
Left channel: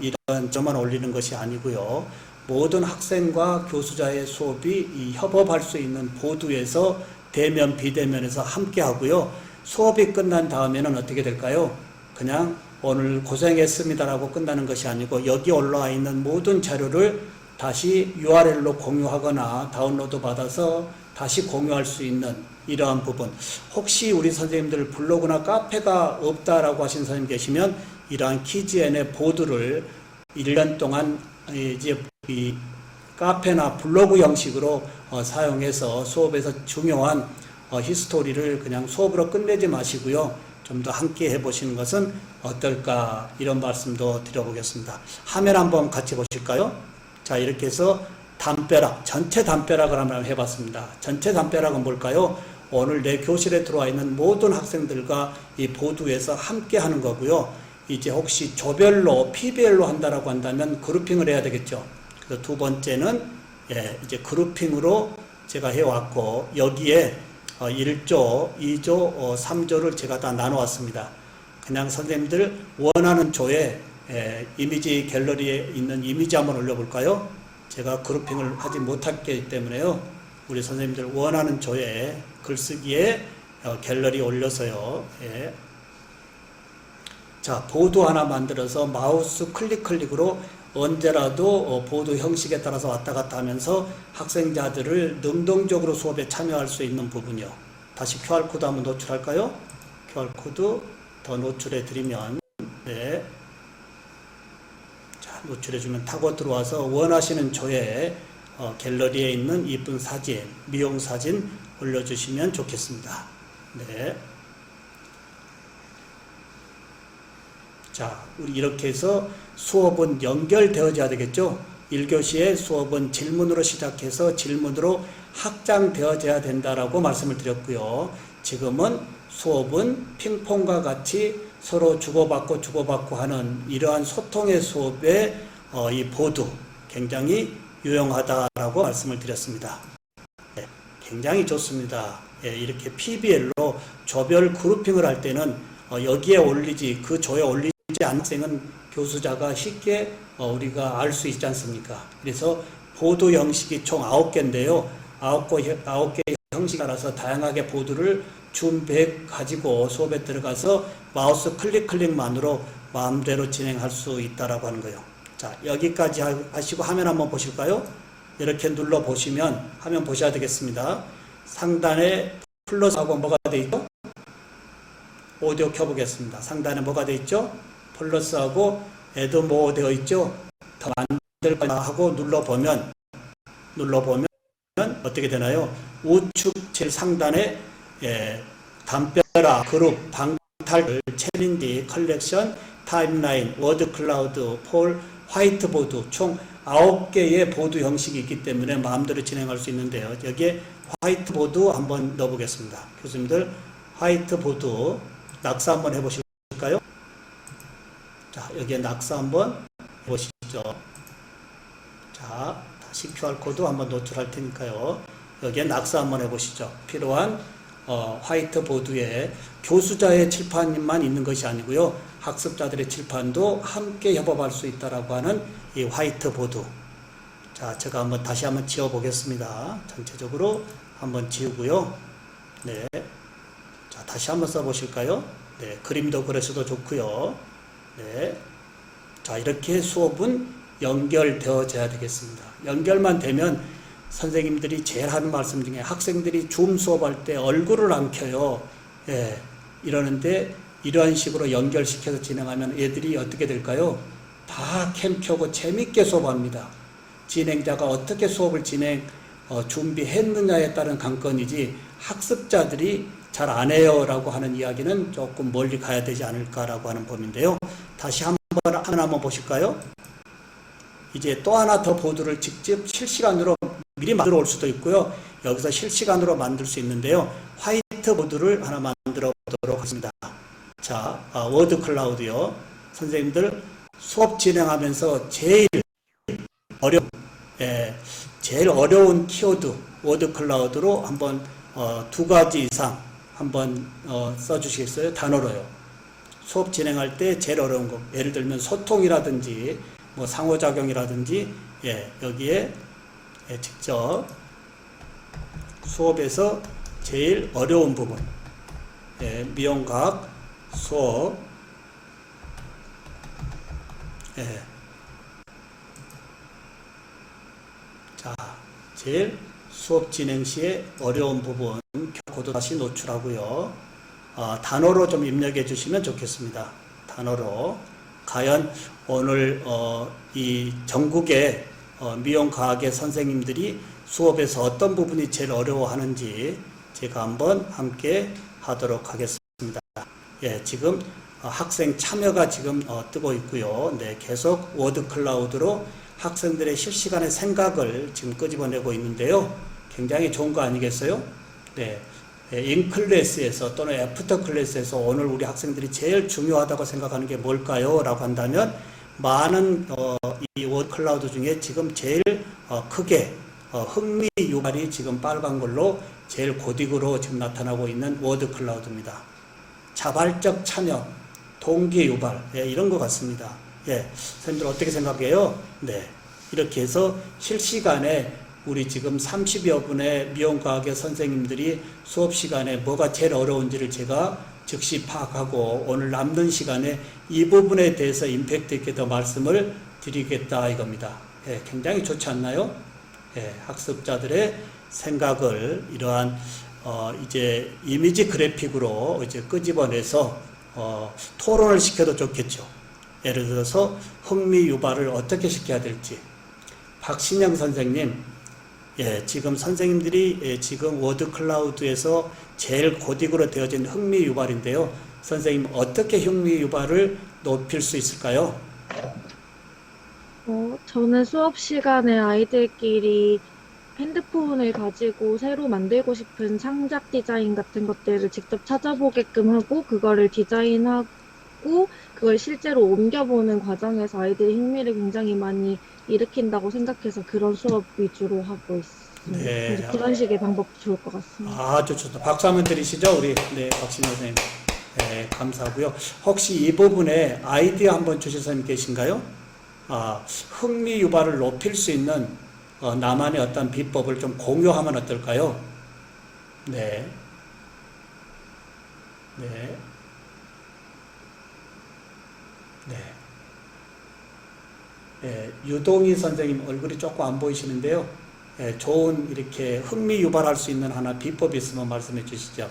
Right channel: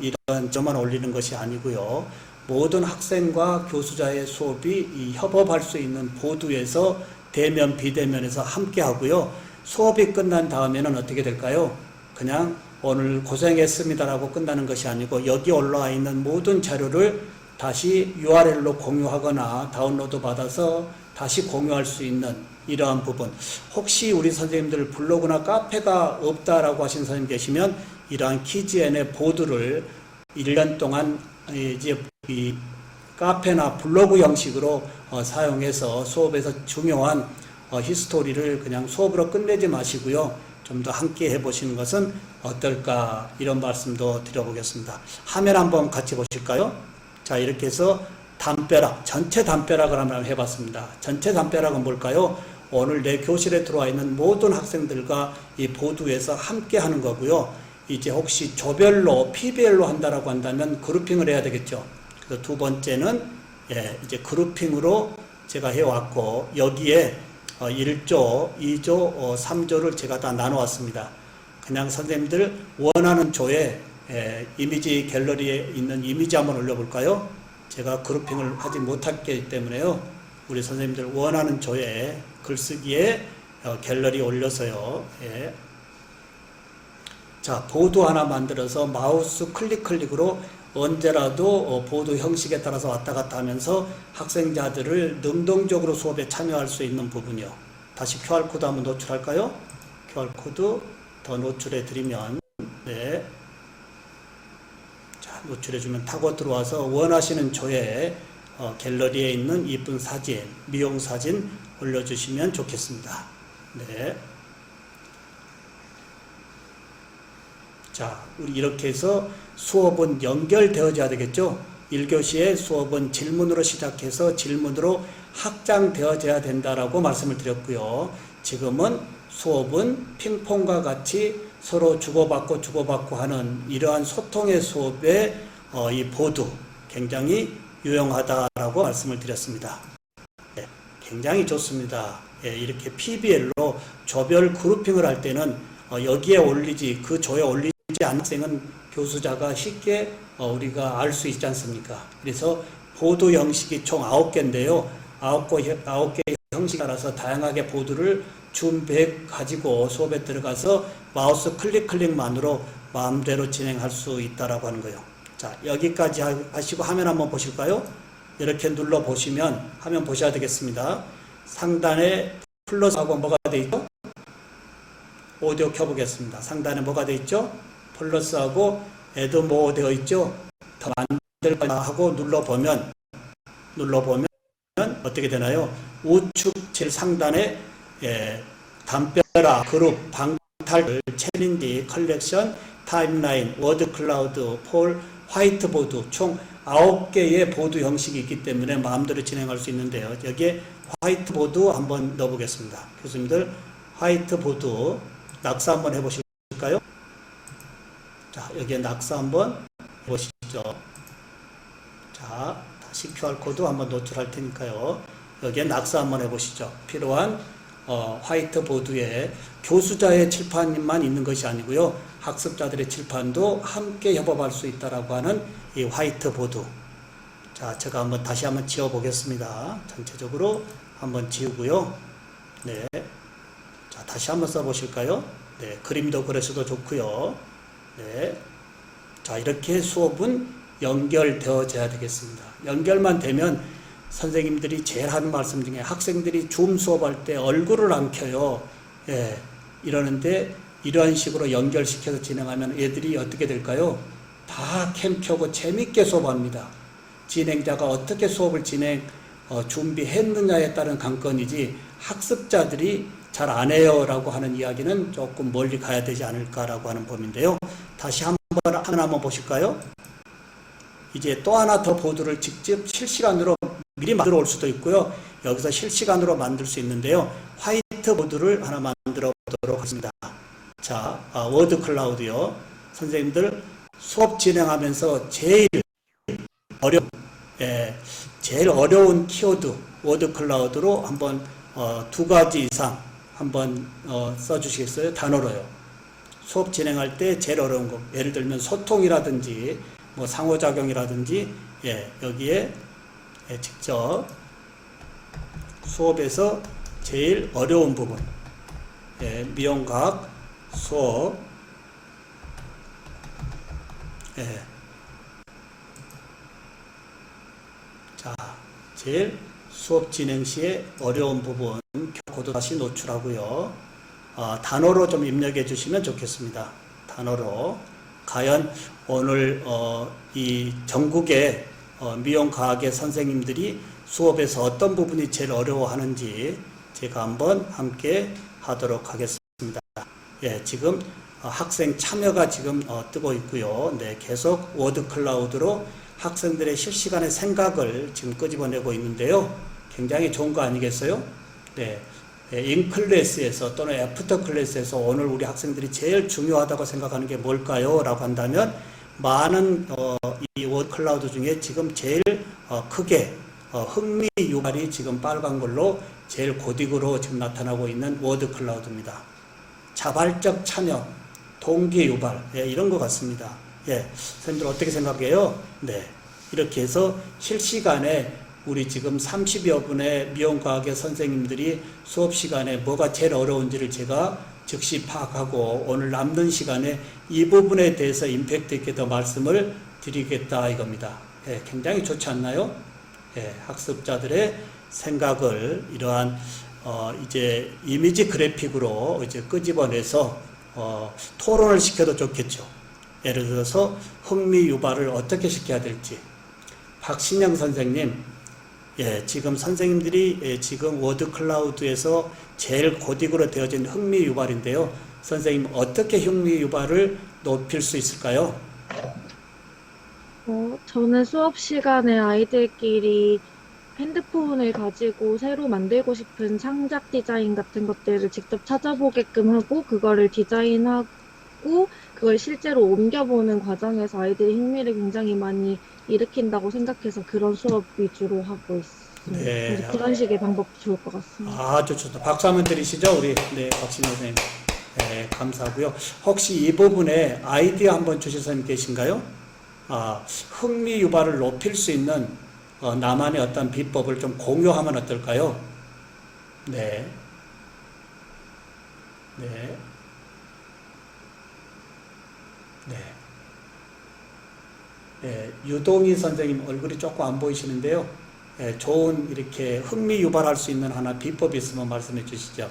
이런 저만 올리는 것이 아니고요. 모든 학생과 교수자의 수업이 협업할 수 있는 보드에서 대면 비대면에서 함께 하고요. 수업이 끝난 다음에는 어떻게 될까요? 그냥 오늘 고생했습니다라고 끝나는 것이 아니고 여기 올라와 있는 모든 자료를 다시 URL로 공유하거나 다운로드 받아서 다시 공유할 수 있는 이러한 부분. 혹시 우리 선생님들 블로그나 카페가 없다라고 하신 선생님 계시면 이러한 키즈N의 보드를 1년 동안 이제 이 카페나 블로그 형식으로 사용해서 수업에서 중요한 히스토리를 그냥 수업으로 끝내지 마시고요. 좀 더 함께 해보시는 것은 어떨까 이런 말씀도 드려보겠습니다. 화면 한번 같이 보실까요? 자, 이렇게 해서 담벼락, 전체 담벼락을 한번 해봤습니다. 전체 담벼락은 뭘까요? 오늘 내 교실에 들어와 있는 모든 학생들과 이 보드에서 함께 하는 거고요. 이제 혹시 조별로 PBL로 한다라고 한다면 그룹핑을 해야 되겠죠. 그래서 두 번째는 이제 그룹핑으로 제가 해왔고 여기에 1조, 2조, 3조를 제가 다 나눠왔습니다. 그냥 선생님들 원하는 조에 이미지 갤러리에 있는 이미지 한번 올려볼까요? 제가 그룹핑을 하지 못했기 때문에요. 우리 선생님들 원하는 조에 글쓰기에 갤러리 올려서요. 자, 보드 하나 만들어서 마우스 클릭으로 언제라도 보드 형식에 따라서 왔다 갔다 하면서 학생자들을 능동적으로 수업에 참여할 수 있는 부분이요. 다시 QR코드 한번 노출할까요? QR코드 더 노출해 드리면 자, 노출해주면 타고 들어와서 원하시는 조에 갤러리에 있는 이쁜 사진, 미용 사진 올려주시면 좋겠습니다. 자, 우리 이렇게 해서 수업은 연결되어져야 되겠죠? 1교시의 수업은 질문으로 시작해서 질문으로 확장되어져야 된다라고 말씀을 드렸고요. 지금은 수업은 핑퐁과 같이 서로 주고받고 하는 이러한 소통의 수업에 이 보드 굉장히 유용하다라고 말씀을 드렸습니다. 굉장히 좋습니다. 이렇게 PBL로 조별 그룹핑을 할 때는 여기에 올리지 그 조에 올리지 않은 학생은 교수자가 쉽게 우리가 알 수 있지 않습니까? 그래서 보드 형식이 총 9개인데요. 9개 형식 따라서 다양하게 보드를 준비해 가지고 수업에 들어가서 마우스 클릭만으로 마음대로 진행할 수 있다라고 하는 거예요. 자, 여기까지 하시고 화면 한번 보실까요? 이렇게 눌러 보시면 화면 보셔야 되겠습니다. 상단에 플러스하고 뭐가 되어 있죠? 오디오 켜보겠습니다. 상단에 뭐가 되어 있죠? 플러스하고 애드 뭐 되어 있죠? 더 만들 거야 하고 눌러보면 어떻게 되나요? 우측 제일 상단에 담벼락, 그룹, 방탈, 챌린지, 컬렉션, 타임라인, 워드 클라우드, 폴, 화이트보드 총 9개의 보드 형식이 있기 때문에 마음대로 진행할 수 있는데요. 여기에 화이트보드 한번 넣어보겠습니다. 교수님들 화이트보드 낙서 한번 해보실까요? 자, 여기에 낙서 한번 보시죠. 자, 다시 QR코드 한번 노출할 테니까요. 여기에 낙서 한번 해보시죠. 필요한 화이트보드에 교수자의 칠판만 있는 것이 아니고요. 학습자들의 칠판도 함께 협업할 수 있다라고 하는 이 화이트보드. 자, 제가 다시 한번 지워 보겠습니다. 전체적으로 한번 지우고요. 네. 자, 다시 한번 써 보실까요? 네. 그림도 그려서도 좋고요. 네. 자, 이렇게 수업은 연결되어져야 되겠습니다. 연결만 되면 선생님들이 제일 하는 말씀 중에 학생들이 줌 수업할 때 얼굴을 안 켜요. 예. 이러는데 이러한 식으로 연결시켜서 진행하면 애들이 어떻게 될까요? 다 캠 켜고 재밌게 수업합니다. 진행자가 어떻게 수업을 준비했느냐에 따른 관건이지 학습자들이 잘 안 해요 라고 하는 이야기는 조금 멀리 가야 되지 않을까라고 하는 범인데요. 다시 한번 보실까요? 이제 또 하나 더 보드를 직접 실시간으로 미리 만들어 올 수도 있고요. 여기서 실시간으로 만들 수 있는데요. 화이트보드를 하나 만들어 보도록 하겠습니다. 자, 워드 클라우드요. 선생님들 수업 진행하면서 제일 어려운 키워드 워드 클라우드로 한번 2가지 이상 한번 써주시겠어요? 단어로요. 수업 진행할 때 제일 어려운 거, 예를 들면 소통이라든지 뭐 상호작용이라든지, 여기에 직접 수업에서 제일 어려운 부분, 미용과학 수업, 자, 제일 수업 진행 시에 어려운 부분 코드 다시 노출하고요. 단어로 좀 입력해 주시면 좋겠습니다. 단어로. 과연 오늘 이 전국의 미용과학의 선생님들이 수업에서 어떤 부분이 제일 어려워하는지 제가 한번 함께 하도록 하겠습니다. 지금 학생 참여가 지금 뜨고 있고요. 네, 계속 워드 클라우드로 학생들의 실시간의 생각을 지금 끄집어내고 있는데요. 굉장히 좋은 거 아니겠어요? 네. 인클래스에서 또는 애프터 클래스에서 오늘 우리 학생들이 제일 중요하다고 생각하는 게 뭘까요? 라고 한다면 많은 이 워드 클라우드 중에 지금 제일 크게 흥미 유발이 지금 빨간 걸로 제일 고딕으로 지금 나타나고 있는 워드 클라우드입니다. 자발적 참여, 동기 유발, 이런 것 같습니다. 선생님들 어떻게 생각해요? 네. 이렇게 해서 실시간에 우리 지금 30여 분의 미용과학의 선생님들이 수업 시간에 뭐가 제일 어려운지를 제가 즉시 파악하고 오늘 남는 시간에 이 부분에 대해서 임팩트 있게 더 말씀을 드리겠다 이겁니다. 굉장히 좋지 않나요? 학습자들의 생각을 이러한 이제 이미지 그래픽으로 이제 끄집어내서 토론을 시켜도 좋겠죠. 예를 들어서 흥미 유발을 어떻게 시켜야 될지. 박신영 선생님, 지금 선생님들이 지금 워드 클라우드에서 제일 고딕으로 되어진 흥미 유발인데요. 선생님 어떻게 흥미 유발을 높일 수 있을까요? 저는 수업 시간에 아이들끼리 핸드폰을 가지고 새로 만들고 싶은 창작 디자인 같은 것들을 직접 찾아보게끔 하고 그거를 디자인하고 그걸 실제로 옮겨보는 과정에서 아이들이 흥미를 굉장히 많이 일으킨다고 생각해서 그런 수업 위주로 하고 있습니다. 네. 그래서 그런 식의 방법도 좋을 것 같습니다. 아주 좋다. 박수 한번 드리시죠, 우리. 네, 박신영 선생님. 네, 감사하고요. 혹시 이 부분에 아이디어 한번 주실 선생님 계신가요? 흥미 유발을 높일 수 있는 나만의 어떤 비법을 좀 공유하면 어떨까요? 네. 네. 네. 유동희 선생님 얼굴이 조금 안 보이시는데요. 좋은 이렇게 흥미 유발할 수 있는 하나 비법이 있으면 말씀해 주시죠.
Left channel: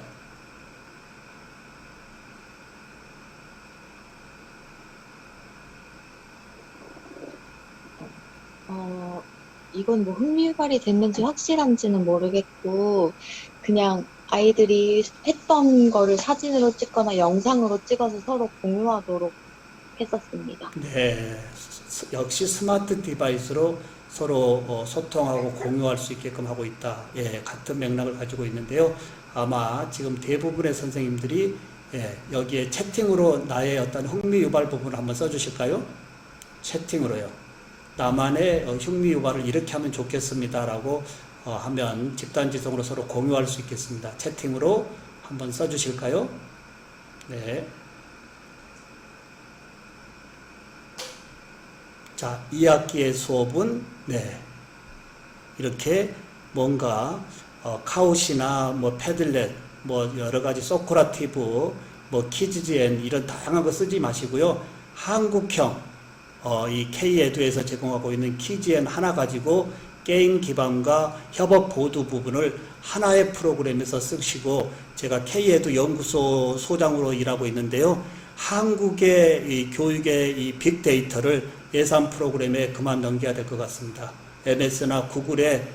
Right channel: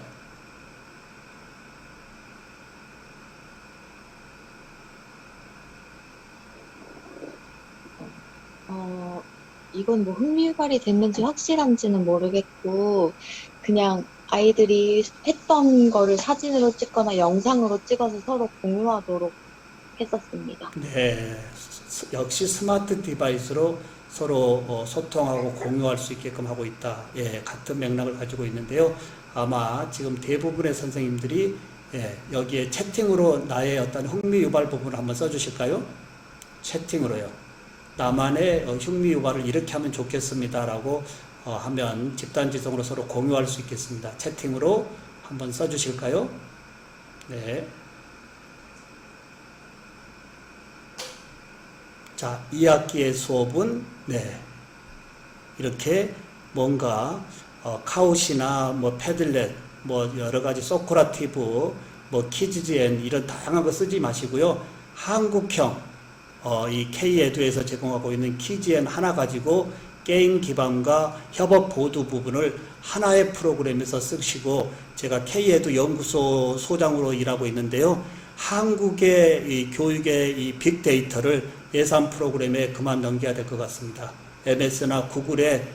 이건 뭐 흥미유발이 됐는지 확실한지는 모르겠고, 그냥 아이들이 했던 거를 사진으로 찍거나 영상으로 찍어서 서로 공유하도록 했었습니다. 네. 역시 스마트 디바이스로 서로 소통하고 공유할 수 있게끔 하고 있다. 같은 맥락을 가지고 있는데요. 아마 지금 대부분의 선생님들이 여기에 채팅으로 나의 어떤 흥미 유발 부분을 한번 써주실까요? 채팅으로요. 나만의 흥미 유발을 이렇게 하면 좋겠습니다라고 하면 집단지성으로 서로 공유할 수 있겠습니다. 채팅으로 한번 써주실까요? 네. 자, 2학기의 수업은 이렇게 뭔가 카우시나 뭐 패들렛, 뭐 여러 가지 소크라티브, 뭐 키즈젠 이런 다양한 거 쓰지 마시고요. 한국형 이 K-에듀에서 제공하고 있는 키즈젠 하나 가지고 게임 기반과 협업 보드 부분을 하나의 프로그램에서 쓰시고, 제가 K-에듀 연구소 소장으로 일하고 있는데요. 한국의 이 교육의 이 빅데이터를 예산 프로그램에 그만 넘겨야 될 것 같습니다. MS나 구글에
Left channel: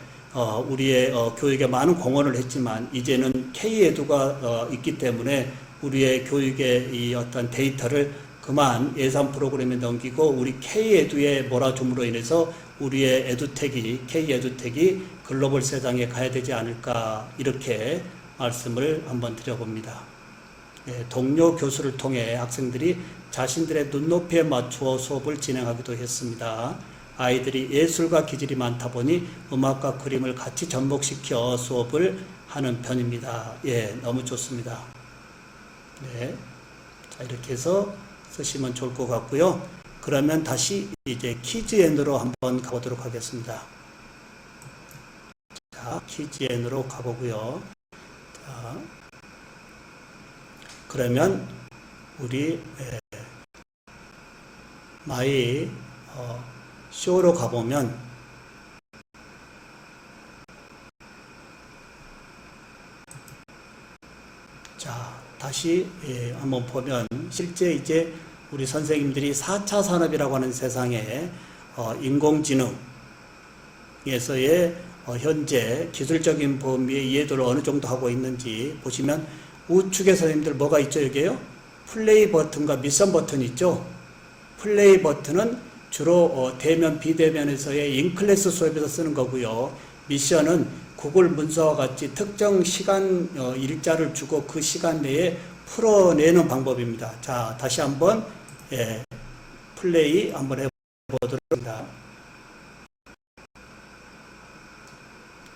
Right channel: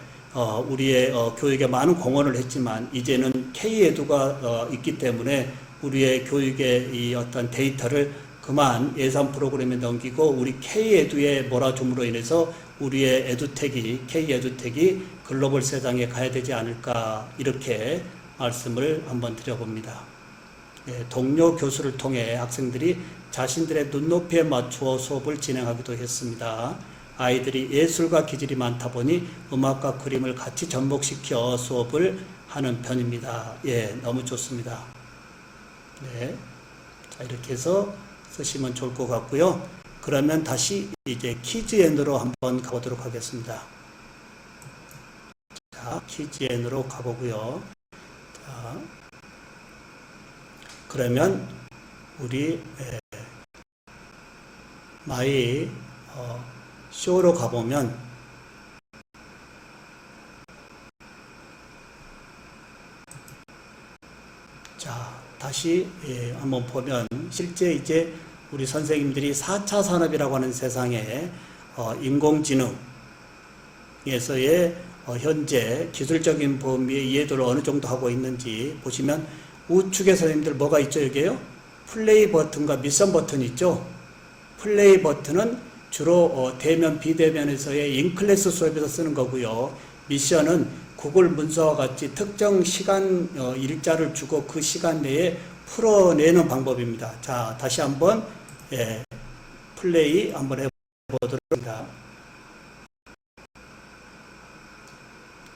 우리의 교육에 많은 공헌을 했지만 이제는 K-에듀가 있기 때문에 우리의 교육의 이 어떤 데이터를 그만 예산 프로그램에 넘기고 우리 K-에듀의 몰아줌으로 인해서 우리의 에듀텍이 K-에듀텍이 글로벌 세상에 가야 되지 않을까, 이렇게 말씀을 한번 드려봅니다. 동료 교수를 통해 학생들이 자신들의 눈높이에 맞추어 수업을 진행하기도 했습니다. 아이들이 예술과 기질이 많다 보니 음악과 그림을 같이 접목시켜 수업을 하는 편입니다. 너무 좋습니다. 자, 이렇게 해서 쓰시면 좋을 것 같고요. 그러면 다시 이제 키즈엔으로 한번 가보도록 하겠습니다. 자, 키즈엔으로 가보고요. 자, 그러면 우리 마이 쇼로 가보면 자, 다시 한번 보면 실제 이제 우리 선생님들이 4차 산업이라고 하는 세상에 인공지능에서의 현재 기술적인 범위의 이해도를 어느 정도 하고 있는지 보시면, 우측에 선생님들 뭐가 있죠? 여기에요? 플레이 버튼과 미션 버튼이 있죠? 플레이 버튼은 주로 대면, 비대면에서의 인클래스 수업에서 쓰는 거고요. 미션은 구글 문서와 같이 특정 시간 일자를 주고 그 시간 내에 풀어내는 방법입니다. 자, 다시 한번 플레이 한번 해보도록 합니다.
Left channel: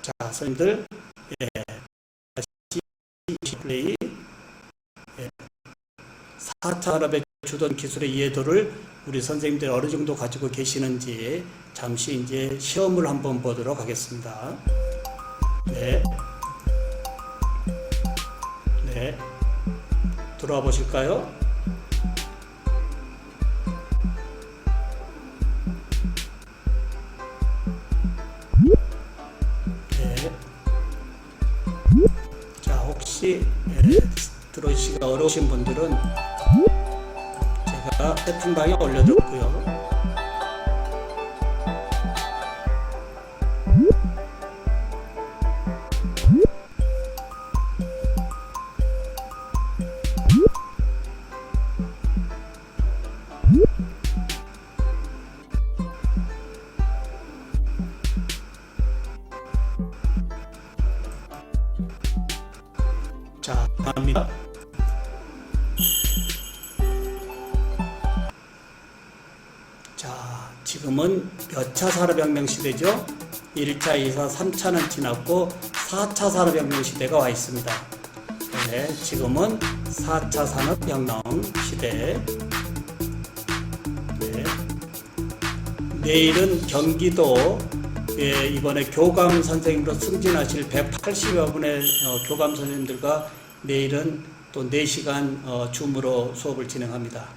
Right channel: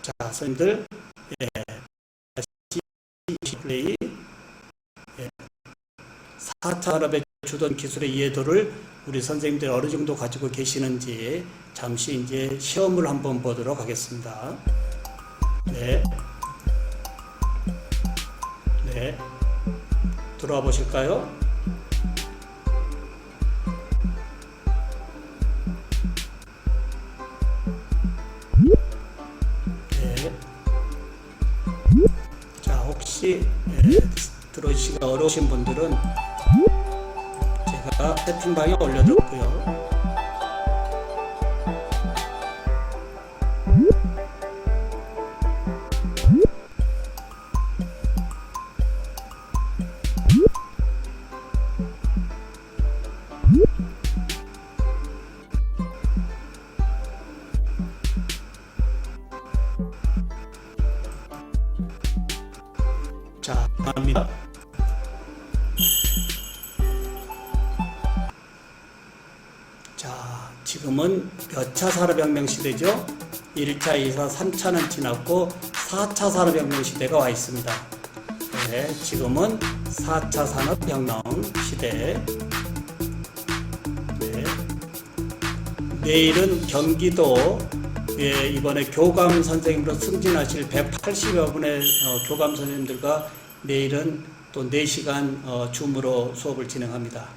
자, 선생님들 다시 플레이 4차 산업의 주던 기술의 이해도를 우리 선생님들 어느 정도 가지고 계시는지 잠시 이제 시험을 한번 보도록 하겠습니다. 들어와 보실까요? 자, 혹시 들어오시기가 어려우신 분들은 제가 채팅방에 올려뒀고요. 자, 갑니다. 자, 지금은 몇 차 산업혁명 시대죠? 1차, 2차, 3차는 지났고 4차 산업혁명 시대가 와 있습니다. 지금은 4차 산업혁명 시대. 내일은 경기도 이번에 교감 선생님으로 승진하실 180여 분의 교감 선생님들과 내일은 또 4시간 줌으로 수업을 진행합니다.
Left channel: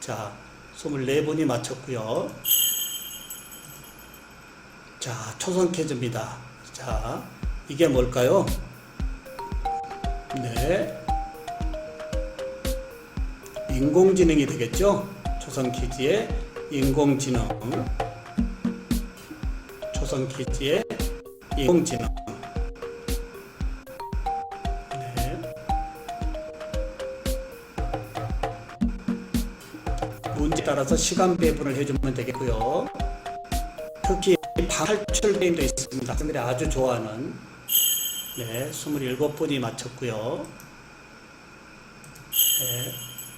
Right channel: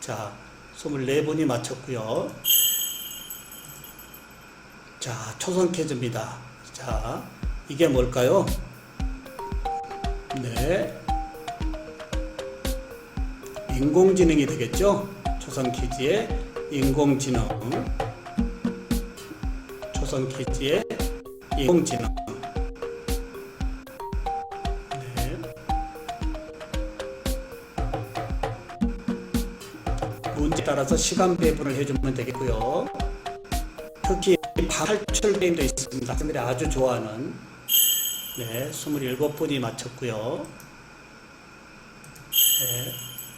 자, 24분이 마쳤고요. 자, 초성 퀴즈입니다. 자, 이게 뭘까요? 인공지능이 되겠죠? 초성 퀴즈의 인공지능. 초성 퀴즈의 인공지능. 문제에 따라서 시간 배분을 해주면 되겠고요. 특히 탈출 게임도 있습니다. 학생들이 아주 좋아하는. 27분이 마쳤고요.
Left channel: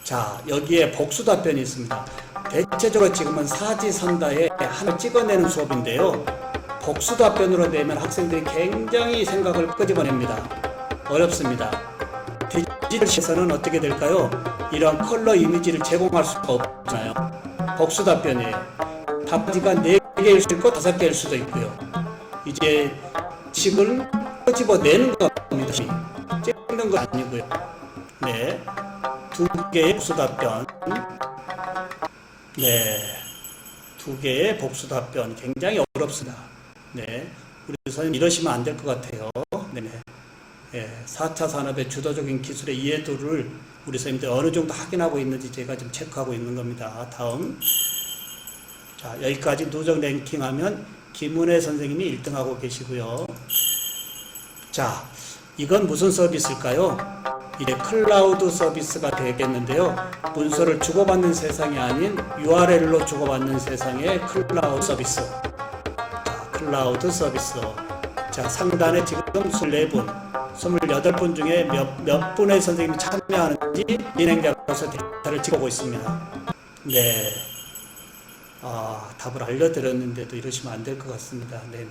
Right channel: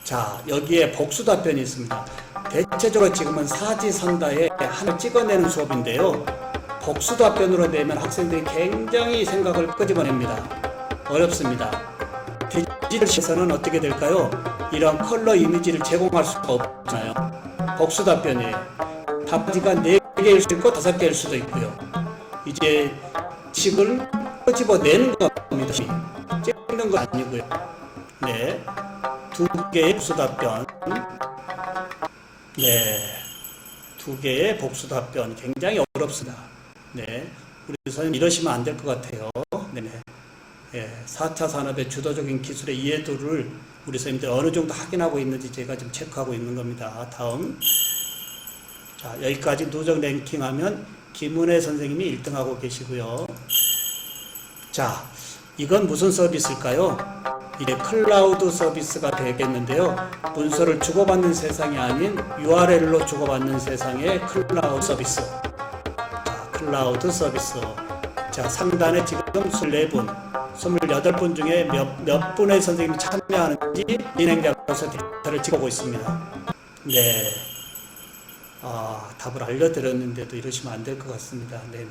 자, 여기에 복수 답변이 있습니다. 대체적으로 지금은 사지상가에 하나 찍어내는 수업인데요. 복수 답변으로 내면 학생들이 굉장히 생각을 끄집어냅니다. 어렵습니다. 디지털 시설은 어떻게 될까요? 이런 컬러 이미지를 제공할 수가 없잖아요. 복수 답변이에요. 답지가 4개일 수도 있고 5개일 수도 있고요. 이제 식을 끄집어내는 겁니다. 찍는 건 아니고요. 네, 2개의 복수 답변. 네, 2개의 복수 답변 굉장히 어렵습니다. 네, 우리 선생님 이러시면 안 될 것 같아요. 네, 4차 산업의 주도적인 기술의 이해도를 우리 선생님들 어느 정도 확인하고 있는지 제가 지금 체크하고 있는 겁니다. 다음. 자, 여기까지 누적 랭킹하면 김은혜 선생님이 1등하고 계시고요. 자, 이건 무슨 서비스일까요? 이게 클라우드 서비스가 되겠는데요. 문서를 주고받는 세상이 아닌 URL로 주고받는 세상의 클라우드 서비스. 자, 클라우드 서비스. 자, 상단에 지금 24분, 28분 중에 몇 분의 선생님이 참여하는지 진행자로서 데이터를 찍어보고 있습니다. 네. 답을 알려드렸는데도 이러시면 안 될 것 같습니다. 네네.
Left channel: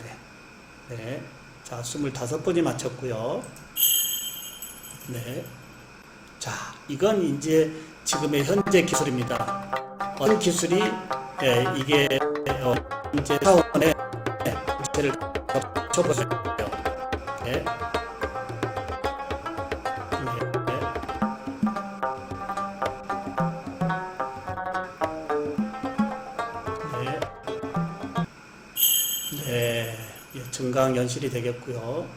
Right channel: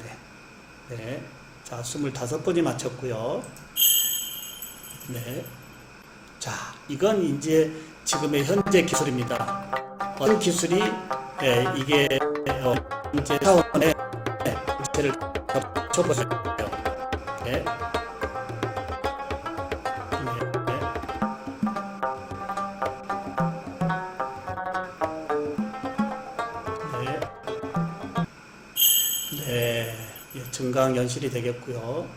네. 자, 25분이 마쳤고요. 네. 자, 이건 이제 지금의 현재 기술입니다. 어떤 기술이, 이게, 이제 타원의 문제를 좁혀서 네. 증강 연실이 되겠고요.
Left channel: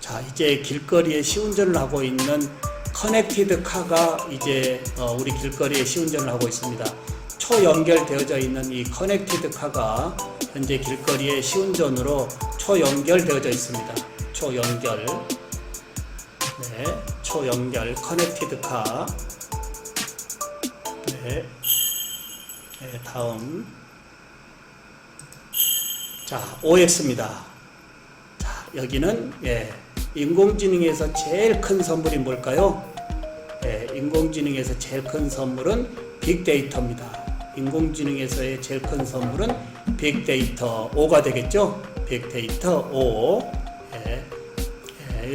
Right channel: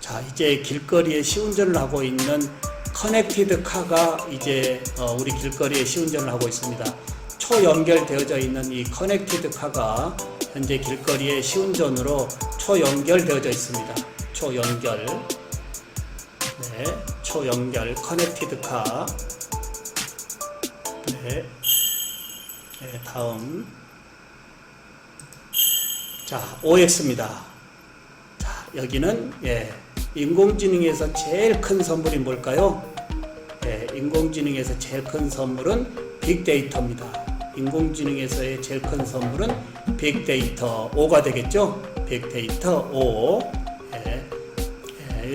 자, 이제 길거리에 시운전을 하고 있는 커넥티드 카가 이제 우리 길거리에 시운전을 하고 있습니다. 초연결되어져 있는 이 커넥티드 카가 현재 길거리에 시운전으로 초연결되어져 있습니다. 초연결. 네, 초연결 커넥티드 카. 네. 네, 다음. 자, OX입니다. 자, 여기는 인공지능에서 제일 큰 선물이 뭘까요? 인공지능에서 제일 큰 선물은 빅데이터입니다. 인공지능에서의 제일 큰 선물은 빅데이터 5가 되겠죠? 빅데이터 5.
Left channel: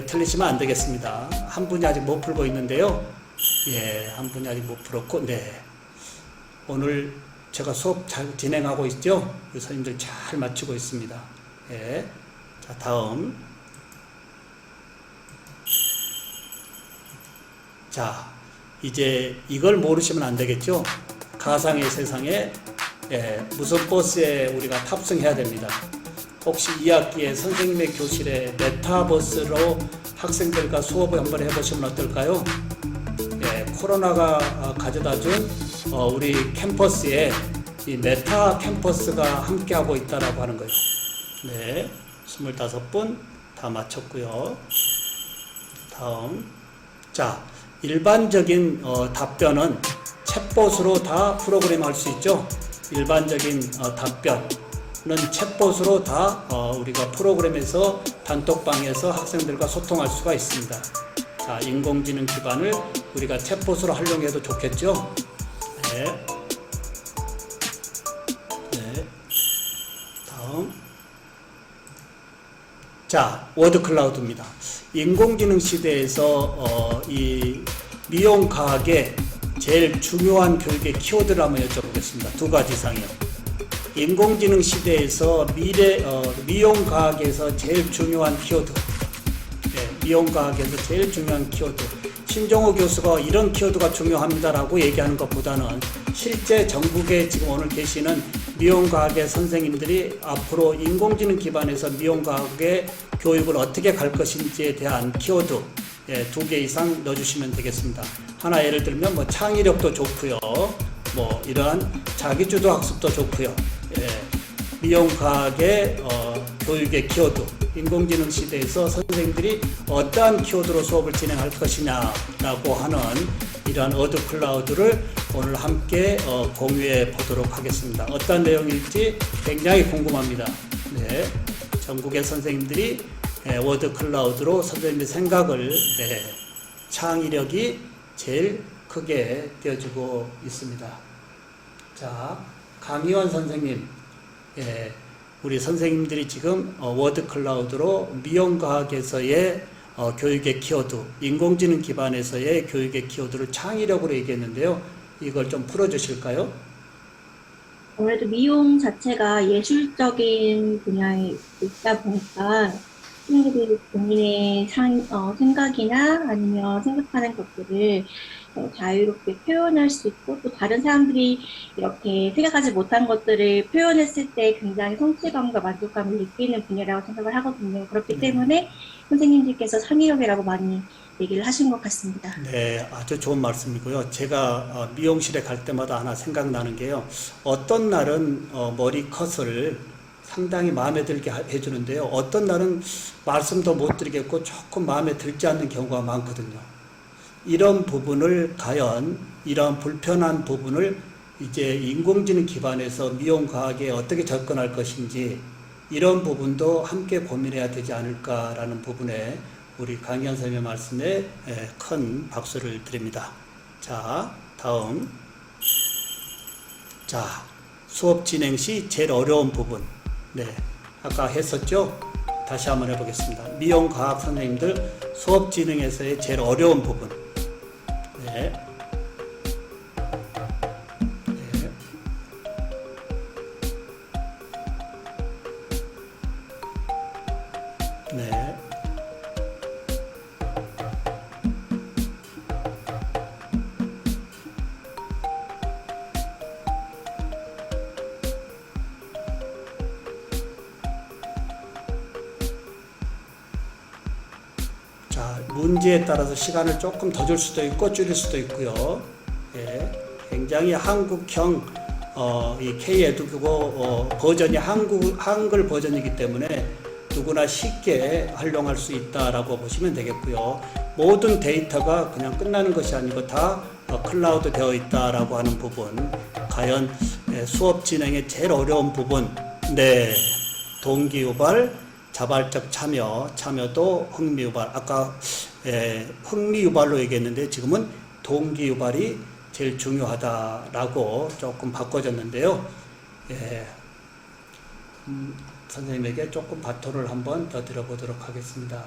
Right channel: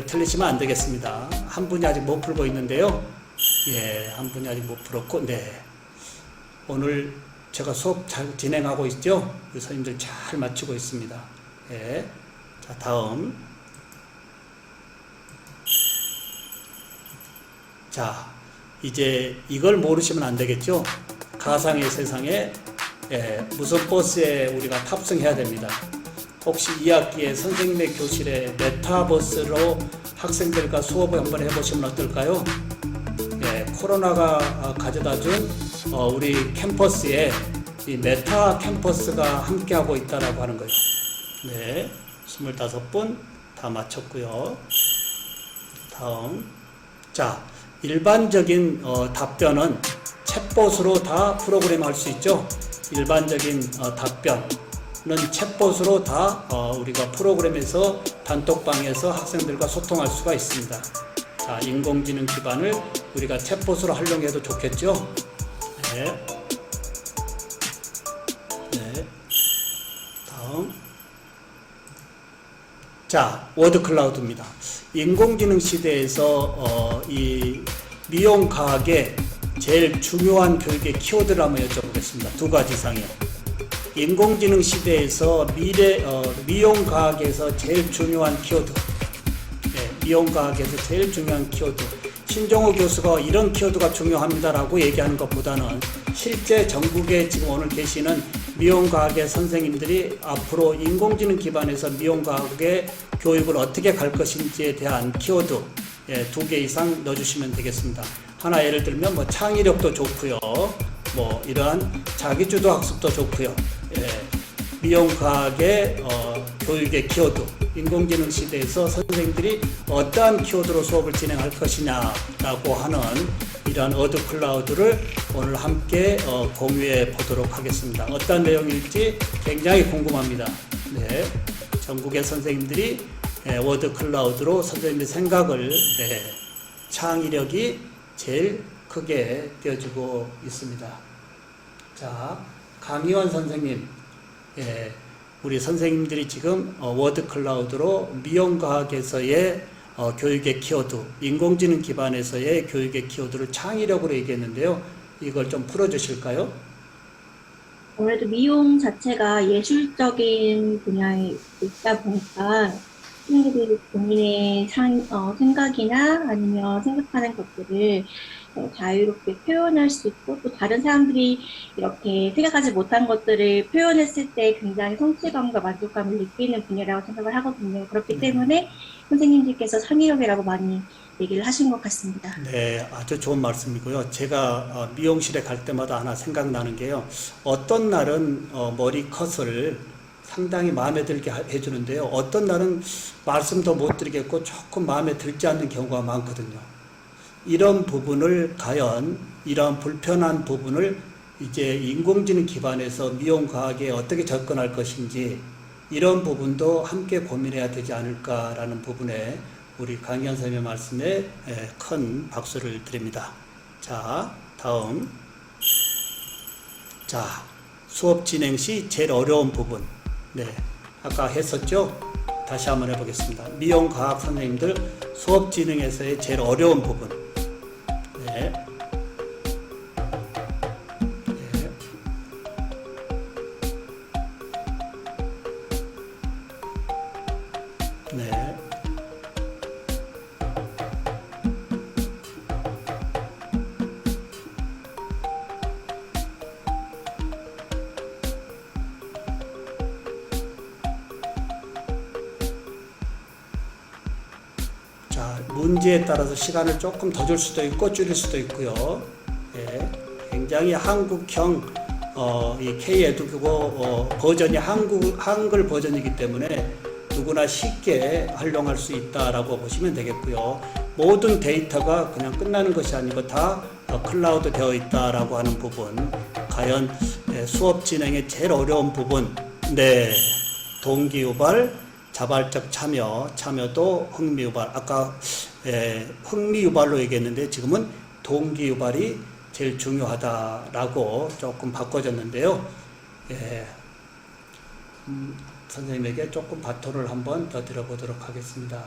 틀리시면 안 되겠습니다. 한 분이 아직 못 풀고 있는데요. 한 분이 아직 못 풀었고, 오늘 제가 수업 잘 진행하고 있죠? 선생님들 잘 마치고 있습니다. 자, 다음. 자, 이제 이걸 모르시면 안 되겠죠? 가상의 세상에 무슨 버스에 우리가 탑승해야 됩니다. 혹시 2학기에 선생님의 교실에 메타버스로 학생들과 수업을 한번 해보시면 어떨까요? 코로나가 가져다준 우리 캠퍼스에 이 메타 캠퍼스가 함께하고 있다라고 하는 거예요. 네, 25분 다 마쳤고요. 다음. 자, 일반적인 답변은 챗봇으로 다 프로그램 할 수 있죠. 일반적인 답변은 챗봇으로 다 우리가 프로그램에서 단톡방에서 학생들과 소통할 수가 있습니다. 자, 인공지능 기반을 우리가 챗봇으로 활용해도 좋겠죠. 네. 다음. 자, 워드 클라우드입니다. 인공지능 시대에서 이 미용과학의 제일 중요한 교육의 키워드를 한번 여쭤보겠습니다. 2가지 이상이요. 인공지능 시대에서 미용과학에서 제일 중요한 키워드. 미용과학에서 제일 중요한 키워드. 신종호 교수가 이런 키워드가 중요합니다라고 얘기하는 것보다는 실제 전국에 지금 오늘 계시는 미용과학의 선생님들이 앞으로 인공지능 기반에서 미용과학의 교육을 어떻게 갈 것인지에 대한 키워드 2개 이상 넣어주시면 되겠습니다. 하나 예를 들면 뭐 창의력도 좋고요. 뭐 이러한 자기주도 학습도 좋고요. 미용과학의 교육의 키워드. 인공지능 시대에서 선생님들이 어떠한 키워드로 수업을 진행할 것이냐라고 하는 이러한 워드 클라우드를 오늘 함께 공유해 보도록 하겠습니다. 어떤 내용일지 굉장히 궁금합니다. 네, 전국의 선생님들이 워드 클라우드로 선생님의 생각을 창의력이 제일 크게 되어주고 있습니다. 자, 강희원 선생님, 우리 선생님들이 지금 워드 클라우드로 미용과학에서의 교육의 키워드, 인공지능 기반에서의 교육의 키워드를 창의력으로 얘기했는데요. 이걸 좀 풀어주실까요? 아무래도 미용 자체가 예술적인 분야에 있다 보니까 학생들이 본인의 생각이나 아니면 생각하는 것들을 자유롭게 표현할 수 있고 또 다른 사람들이 이렇게 생각하지 못한 것들을 표현했을 때 굉장히 성취감과 만족감을 느끼는 분야라고 생각을 하거든요. 그렇기 때문에 선생님들께서 창의력이라고 많이 얘기를 하신 것 같습니다. 네, 아주 좋은 말씀이고요. 제가 미용실에 갈 때마다 하나 생각나는 게요. 어떤 날은 머리 컷을 상당히 마음에 들게 해주는데요. 어떤 날은 말씀도 못 드리겠고 조금 마음에 들지 않는 경우가 많거든요. 이런 부분을 과연 이런 불편한 부분을 이제 인공지능 기반에서 미용과학에 어떻게 접근할 것인지 이런 부분도 함께 고민해야 되지 않을까라는 부분에 우리 강희원 선생님의 말씀에 큰 박수를 드립니다. 자, 다음. 자, 수업 진행 시 제일 어려운 부분. 네, 아까 했었죠? 다시 한번 해보겠습니다. 미용과학 선생님들 수업 진행에서의 제일 어려운 부분. 네. 네. 네. 자, 문제에 따라서 시간을 조금 더 줄 수도 있고 줄일 수도 있고요. 예, 굉장히 한국형 이 K-에듀국어 버전이 한글 버전이기 때문에 누구나 쉽게 활용할 수 있다라고 보시면 되겠고요. 모든 데이터가 그냥 끝나는 것이 아니고 다 클라우드 되어 있다라고 하는 부분. 과연 수업 진행의 제일 어려운 부분. 네, 동기유발, 자발적 참여도 흥미유발. 아까 흥미유발로 얘기했는데 지금은 동기유발이 제일 중요하다라고 조금 바꿔졌는데요. 선생님에게 조금 바톤을 한번 더 드려보도록 하겠습니다.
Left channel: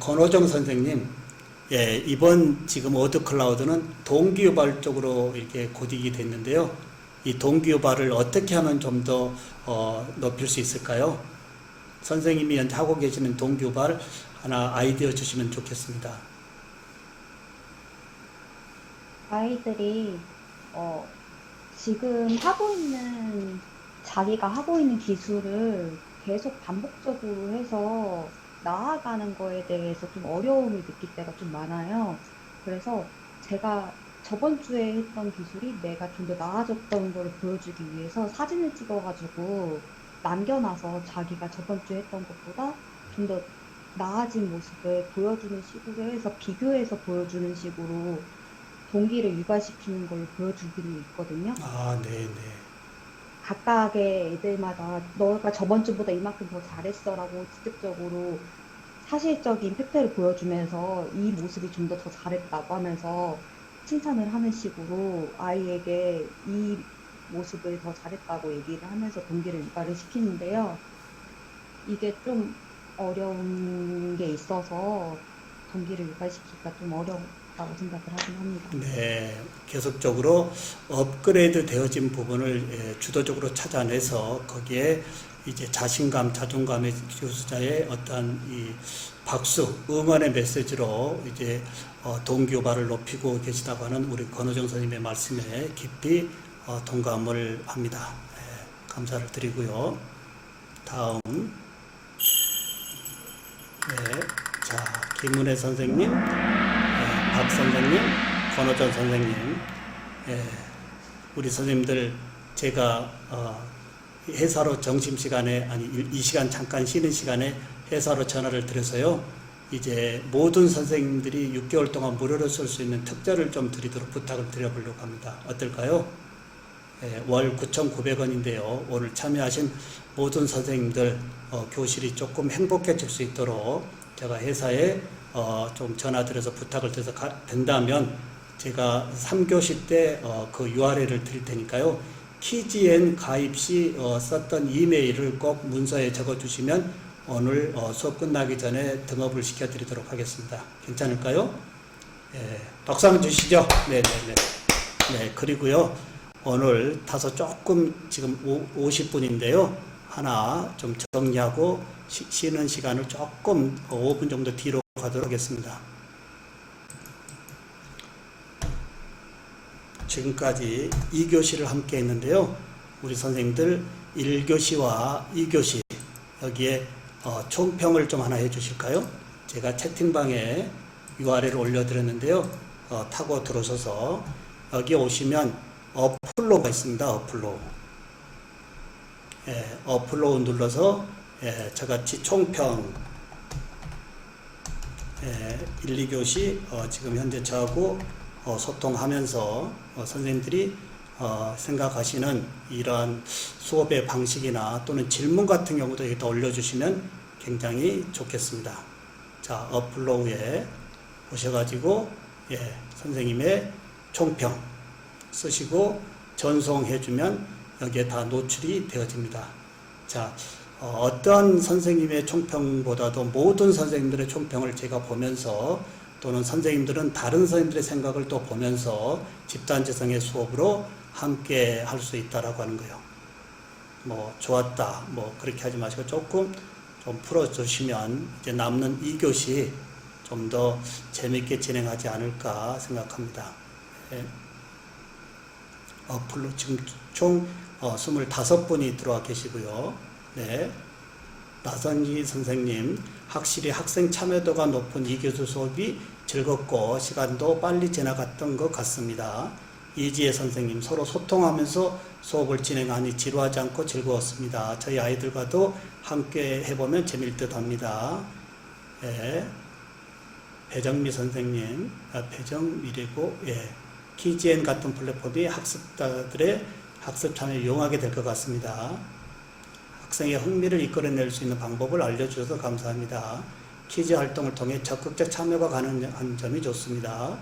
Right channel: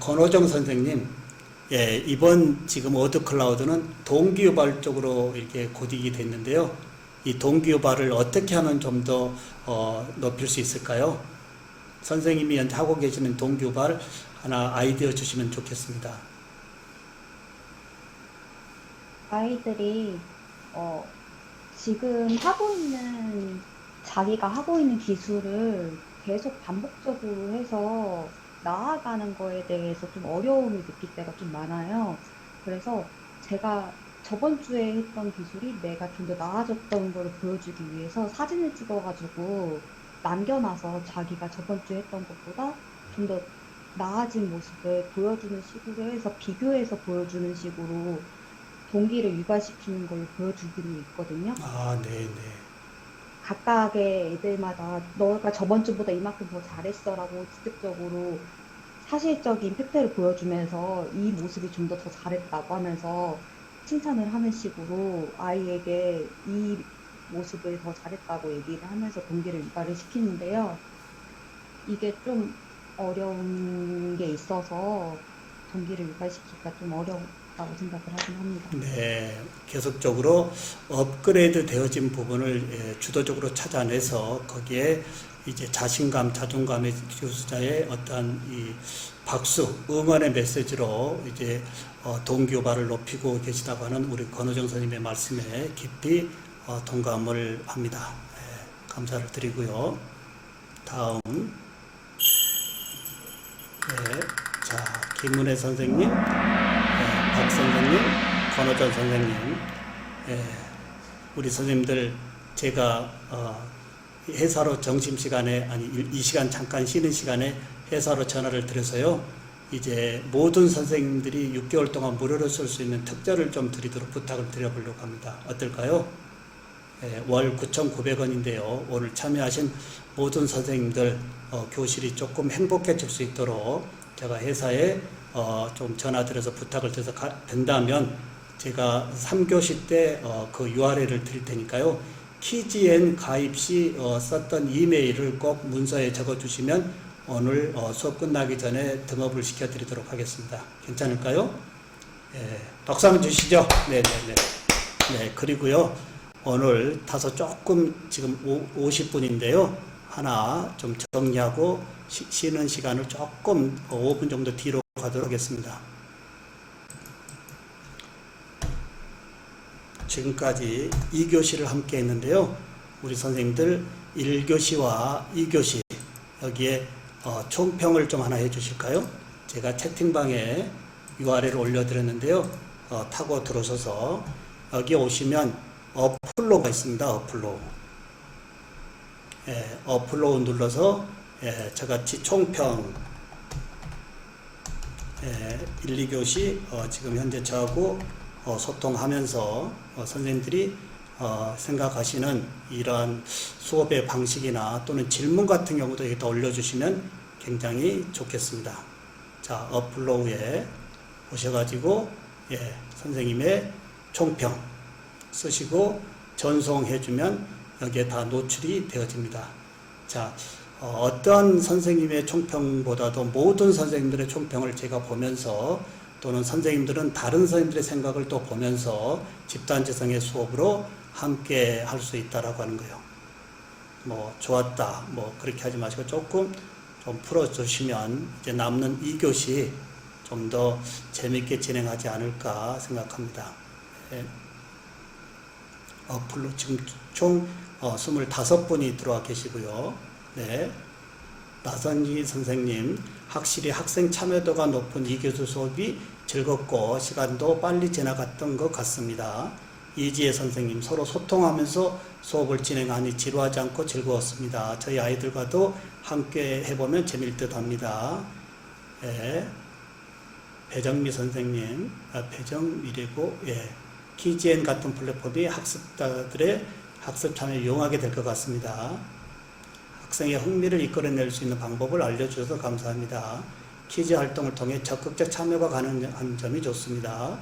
권호정 선생님, 이번 지금 워드 클라우드는 동기유발 쪽으로 이렇게 고딕이 됐는데요. 이 동기유발을 어떻게 하면 좀 더 높일 수 있을까요? 선생님이 현재 하고 계시는 동기유발 하나 아이디어 주시면 좋겠습니다. 아이들이 지금 자기가 하고 있는 기술을 계속 반복적으로 해서 나아가는 거에 대해서 좀 어려움을 느낄 때가 좀 많아요. 그래서 제가 저번 주에 했던 기술이 내가 좀 더 나아졌던 걸 보여주기 위해서 사진을 찍어가지고 남겨놔서 자기가 저번 주에 했던 것보다 좀 더 나아진 모습을 보여주는 식으로 해서 비교해서 보여주는 식으로 동기를 유발시키는 걸 보여주기로 있거든요. 아, 네네. 각각의 애들마다 너가 저번 주보다 이만큼 더 잘했어라고 직접적으로 사실적인 팩트를 보여주면서 이 모습이 좀 더 잘했다고 하면서 칭찬을 하는 식으로 아이에게 이 모습을 더 잘했다고 얘기를 하면서 동기를 유발을 시키는데요. 이게 좀 어려운 게 있어서 동기를 유발시키기가 좀 어렵다고 생각을 하긴 합니다. 네, 계속적으로 업그레이드 되어진 부분을 주도적으로 찾아내서 거기에 이제 자신감, 자존감의 교수자의 어떠한 이 박수, 응원의 메시지로 이제 동기유발을 높이고 계시다고 하는 우리 권호정 선생님의 말씀에 깊이 동감을 합니다. 감사를 드리고요. 다음, 자, 김은혜 선생님, 박 선생님, 권호정 선생님, 우리 선생님들 제가 회사로 점심시간에 이 시간 잠깐 쉬는 시간에 회사로 전화를 드려서요. 이제 모든 선생님들이 6개월 동안 무료로 쓸 수 있는 특자를 좀 드리도록 부탁을 드려보려고 합니다. 어떨까요? 월 9,900원인데요. 오늘 참여하신 모든 선생님들 교실이 조금 행복해질 수 있도록 제가 회사에 좀 전화드려서 부탁을 드려서 된다면 제가 3교시 때 그 URL을 드릴 테니까요. 키지엔 가입 시 썼던 이메일을 꼭 문서에 적어주시면 오늘 수업 끝나기 전에 등업을 시켜드리도록 하겠습니다. 괜찮을까요? 박수 한번 주시죠. 네네네. 네, 그리고요. 오늘 타서 조금 지금 50분인데요. 하나 좀 정리하고 쉬는 시간을 조금 5분 정도 뒤로 가도록 하겠습니다. 지금까지 2교시를 함께 했는데요. 우리 선생님들 1교시와 2교시 여기에 총평을 좀 하나 해주실까요? 제가 채팅방에 URL을 올려드렸는데요. 타고 들어오셔서 여기 오시면 어플로가 있습니다. 어플로 눌러서 저같이 총평 1, 2교시 지금 현재 저하고 소통하면서 선생님들이 생각하시는 이러한 수업의 방식이나 또는 질문 같은 경우도 여기다 올려주시면 굉장히 좋겠습니다. 자, 어플로우에 오셔가지고 선생님의 총평 쓰시고 전송해주면 여기에 다 노출이 되어집니다. 자, 어떤 선생님의 총평보다도 모든 선생님들의 총평을 제가 보면서 또는 선생님들은 다른 선생님들의 생각을 또 보면서 집단지성의 수업으로 함께 할 수 있다라고 하는 거예요. 뭐 좋았다 뭐 그렇게 하지 마시고 조금 좀 풀어주시면 이제 남는 2교시 좀 더 재밌게 진행하지 않을까 생각합니다. 어플로 지금 총 25분이 들어와 계시고요. 네. 나선희 선생님, 확실히 학생 참여도가 높은 2교시 수업이 즐겁고 시간도 빨리 지나갔던 것 같습니다. 이지혜 선생님, 서로 소통하면서 수업을 진행하니 지루하지 않고 즐거웠습니다. 저희 아이들과도 함께 해보면 재미일 듯 합니다. 네. 배정미 선생님, 배정미리고, 키지엔 같은 플랫폼이 학습자들의 학습 참여를 이용하게 될 것 같습니다. 학생의 흥미를 이끌어낼 수 있는 방법을 알려주셔서 감사합니다. 퀴즈 활동을 통해 적극적 참여가 가능한 점이 좋습니다.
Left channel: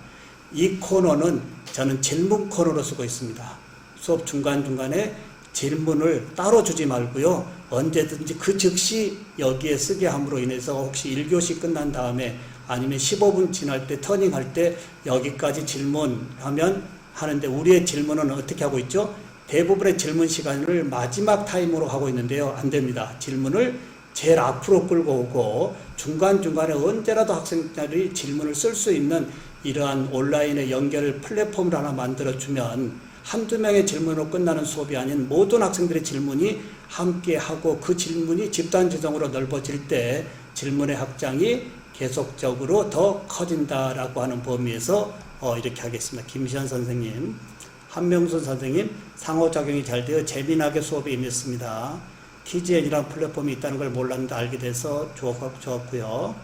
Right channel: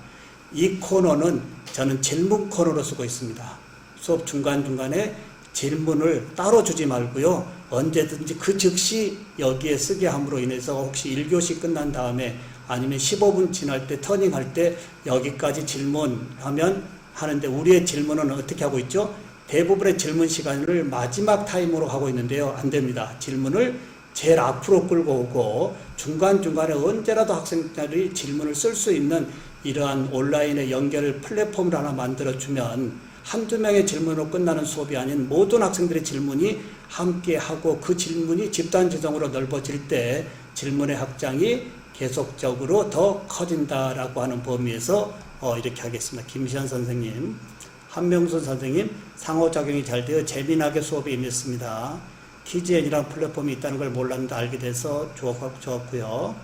이 코너는 저는 질문 코너로 쓰고 있습니다. 수업 중간중간에 질문을 따로 주지 말고요. 언제든지 그 즉시 여기에 쓰게 함으로 인해서 혹시 1교시 끝난 다음에 아니면 15분 지날 때 터닝할 때 여기까지 질문하면 하는데 우리의 질문은 어떻게 하고 있죠? 대부분의 질문 시간을 마지막 타임으로 하고 있는데요. 안 됩니다. 질문을 제일 앞으로 끌고 오고 중간중간에 언제라도 학생들이 질문을 쓸 수 있는 이러한 온라인의 연결 플랫폼을 하나 만들어주면 한두 명의 질문으로 끝나는 수업이 아닌 모든 학생들의 질문이 함께하고 그 질문이 집단지성으로 넓어질 때 질문의 확장이 계속적으로 더 커진다라고 하는 범위에서 이렇게 하겠습니다. 김시현 선생님, 한명순 선생님, 상호작용이 잘 되어 재미나게 수업에 임했습니다. 키즈엔이라는 플랫폼이 있다는 걸 몰랐는데 알게 돼서 좋았고요.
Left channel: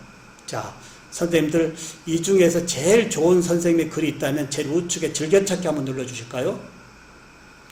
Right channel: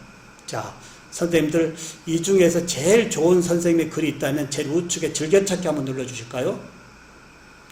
자, 선생님들 이 중에서 제일 좋은 선생님의 글이 있다면 제일 우측에 즐겨찾기 한번 눌러주실까요?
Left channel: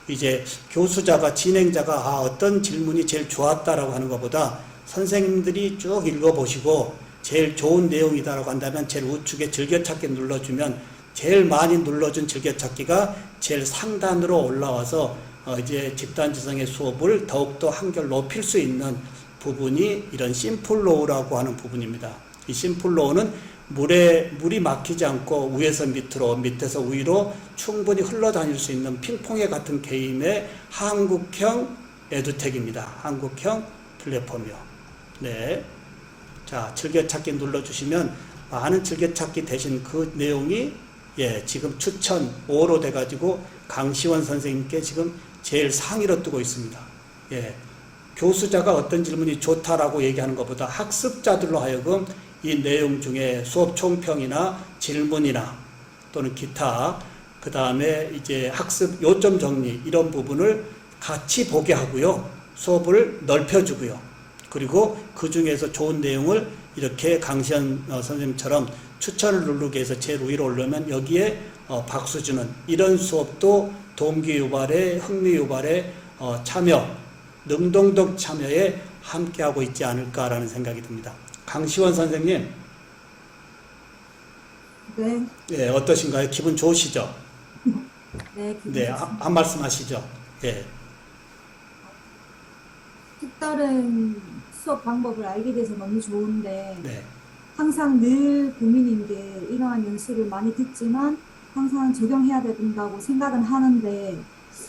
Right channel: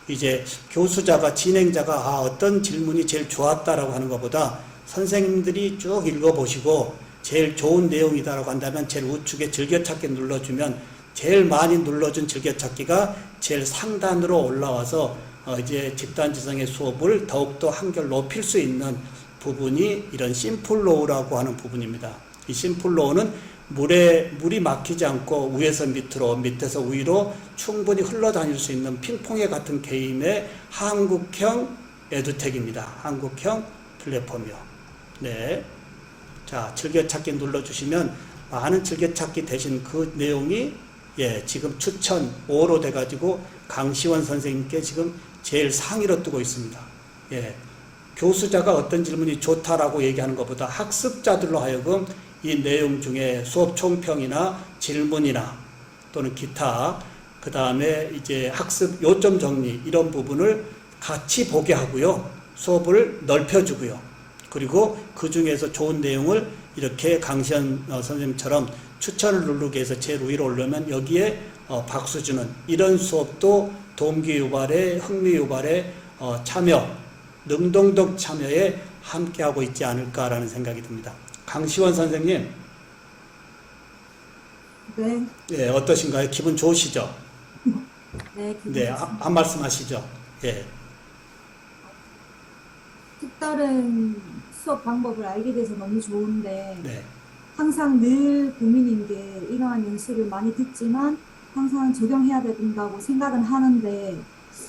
이제 교수자가 진행자가 어떤 질문이 제일 좋았다라고 하는 것보다 선생님들이 쭉 읽어보시고 제일 좋은 내용이다라고 한다면 제일 우측에 즐겨찾기 눌러주면 제일 많이 눌러준 즐겨찾기가 제일 상단으로 올라와서 이제 집단지성의 수업을 더욱더 한결 높일 수 있는 부분이 이런 심플로우라고 하는 부분입니다. 이 심플로우는 물이 막히지 않고 위에서 밑으로 밑에서 위로 충분히 흘러다닐 수 있는 핑퐁의 같은 개인의 한국형 에듀텍입니다. 한국형 플랫폼이요. 네. 자, 즐겨찾기 눌러주시면 많은 즐겨찾기 대신 그 내용이 지금 추천 5로 돼가지고 강시원 선생님께 지금 제일 상위로 뜨고 있습니다. 교수자가 어떤 질문이 좋다라고 얘기하는 것보다 학습자들로 하여금 이 내용 중에 수업 총평이나 질문이나 또는 기타 그 다음에 이제 학습 요점 정리 이런 부분을 같이 보게 하고요. 수업을 넓혀주고요. 그리고 그 중에서 좋은 내용을 이렇게 강시현 선생님처럼 추천을 누르기 위해서 제일 위로 올려면 여기에 박수 주는 이런 수업도 동기 유발에 흥미 유발에 참여, 능동적 참여에 함께하고 있지 않을까라는 생각이 듭니다. 강시원 선생님. 네, 예, 어떠신가요? 기분 좋으시죠? 네, 기분 네, 좋습니다. 한 말씀 하시죠. 예, 색다른 수업 방법을 알게 돼서 너무 좋은데, 네, 항상 늘 고민인 게 이러한 연수를 많이 듣지만 항상 적용해야 된다고 생각은 하는데,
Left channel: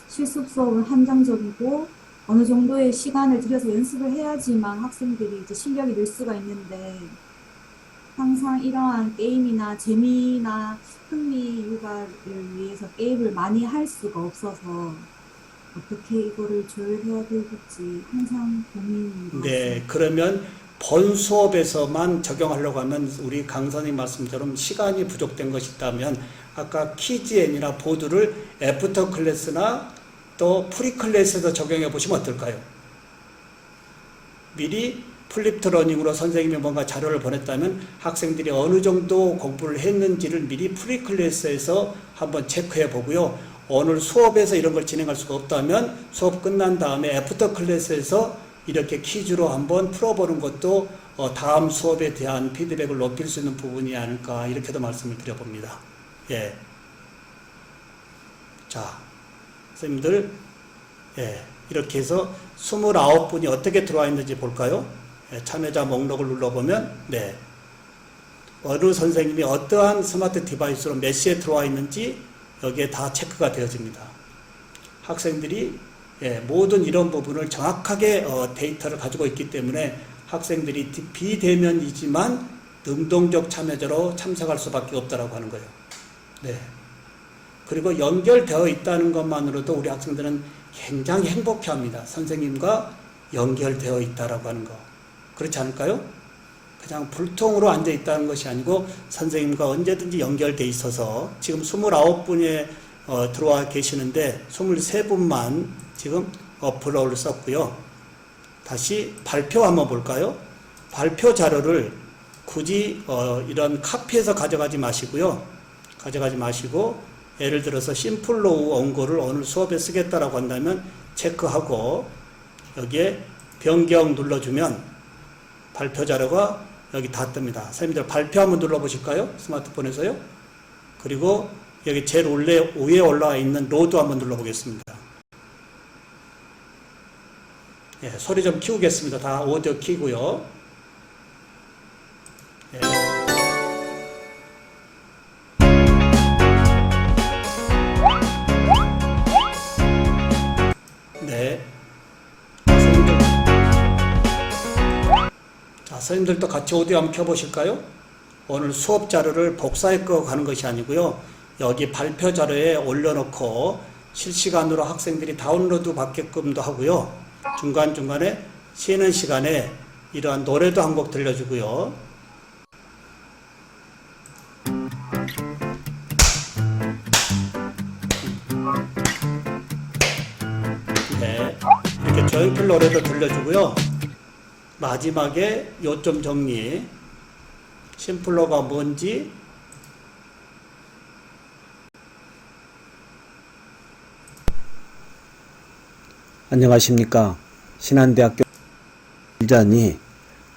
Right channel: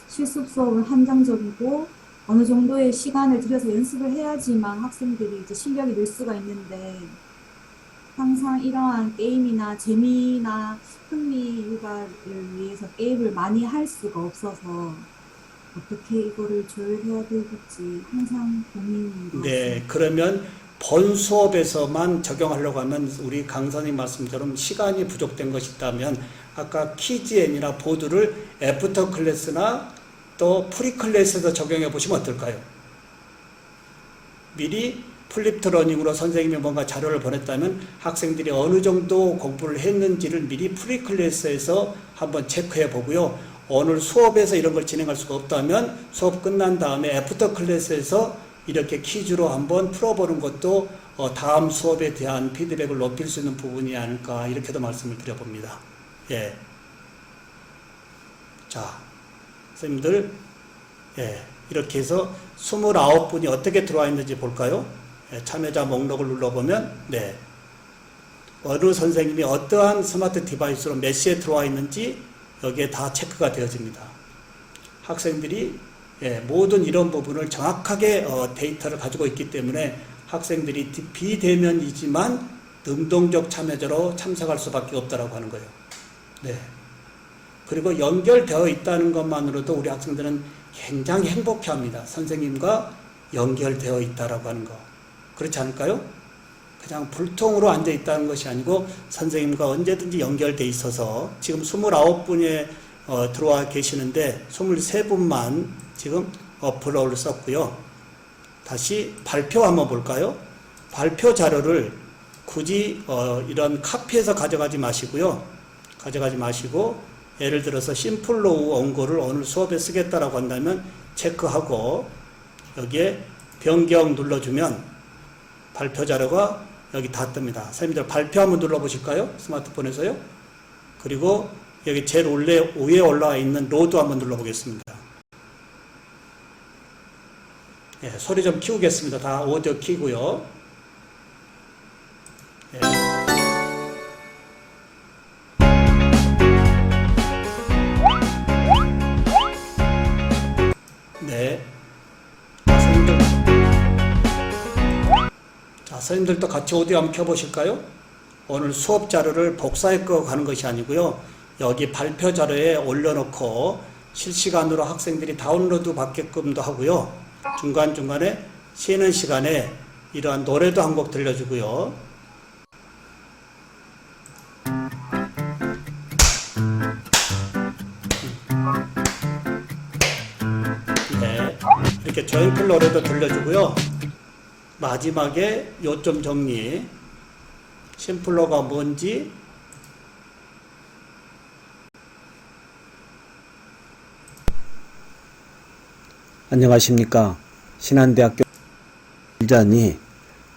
실습 수업은 한정적이고 어느 정도의 시간을 들여서 연습을 해야지만 학생들이 이제 실력이 늘 수가 있는데, 항상 이러한 게임이나 재미나 흥미 유발을 위해서 게임을 많이 할 수가 없어서 어떻게 이거를 조율해야 될지 항상 고민인 것 네. 같습니다. 그러면 본 수업에서만 적용하려고 하면 우리 강사님 말씀처럼 시간이 부족된 것이 있다면 아까 키즈앤이나 보드를 애프터 클래스나 또 프리 클래스에서 적용해 보시면 어떨까요? 미리 플립트 러닝으로 선생님이 뭔가 자료를 보냈다면 학생들이 어느 정도 공부를 했는지를 미리 프리 클래스에서 한번 체크해 보고요. 오늘 수업에서 이런 걸 진행할 수가 없다면 수업 끝난 다음에 애프터 클래스에서 이렇게 퀴즈로 한번 풀어보는 것도 다음 수업에 대한 피드백을 높일 수 있는 부분이 아닐까 이렇게도 말씀을 드려봅니다. 예. 자, 선생님들, 예, 이렇게 해서 29분이 어떻게 들어와 있는지 볼까요? 예, 참여자 목록을 눌러보면, 네, 어느 선생님이 어떠한 스마트 디바이스로 몇 시에 들어와 있는지 여기에 다 체크가 되어집니다. 학생들이 모든 이런 부분을 정확하게 데이터를 가지고 있기 때문에 학생들이 비대면이지만 능동적 참여자로 참석할 수밖에 없다라고 하는 거예요. 네. 그리고 연결되어 있다는 것만으로도 우리 학생들은 굉장히 행복해합니다. 선생님과 연결되어 있다라고 하는 거. 그렇지 않을까요? 그냥 불통으로 앉아 있다는 것이 아니고 선생님과 언제든지 연결돼 있어서 지금 29분에 들어와 계시는데 23분만 지금 어플을 썼고요. 다시 발표 한번 볼까요? 발표 자료를 굳이 이런 카피해서 가져가지 마시고요. 가져가지 마시고 예를 들어서 심플로우 원고를 오늘 수업에 쓰겠다라고 한다면 체크하고 여기에 변경 눌러주면 발표 자료가 여기 다 뜹니다. 선생님들 발표 한번 눌러보실까요? 스마트폰에서요. 그리고 여기 제일 위에 올라와 있는 로드 한번 눌러보겠습니다. 예, 소리 좀 키우겠습니다. 다 오디오 키고요. 예. 네. 자, 선생님들도 같이 오디오 한번 켜보실까요? 오늘 수업 자료를 복사해 가는 것이 아니고요. 여기 발표 자료에 올려놓고 실시간으로 학생들이 다운로드 받게끔도 하고요. 중간중간에 쉬는 시간에 이러한 노래도 한 곡 들려주고요. 네, 이렇게 저희들 노래도 들려주고요. 마지막에 요점 정리, 심플러가 뭔지 안녕하십니까. 신한대학교 일자니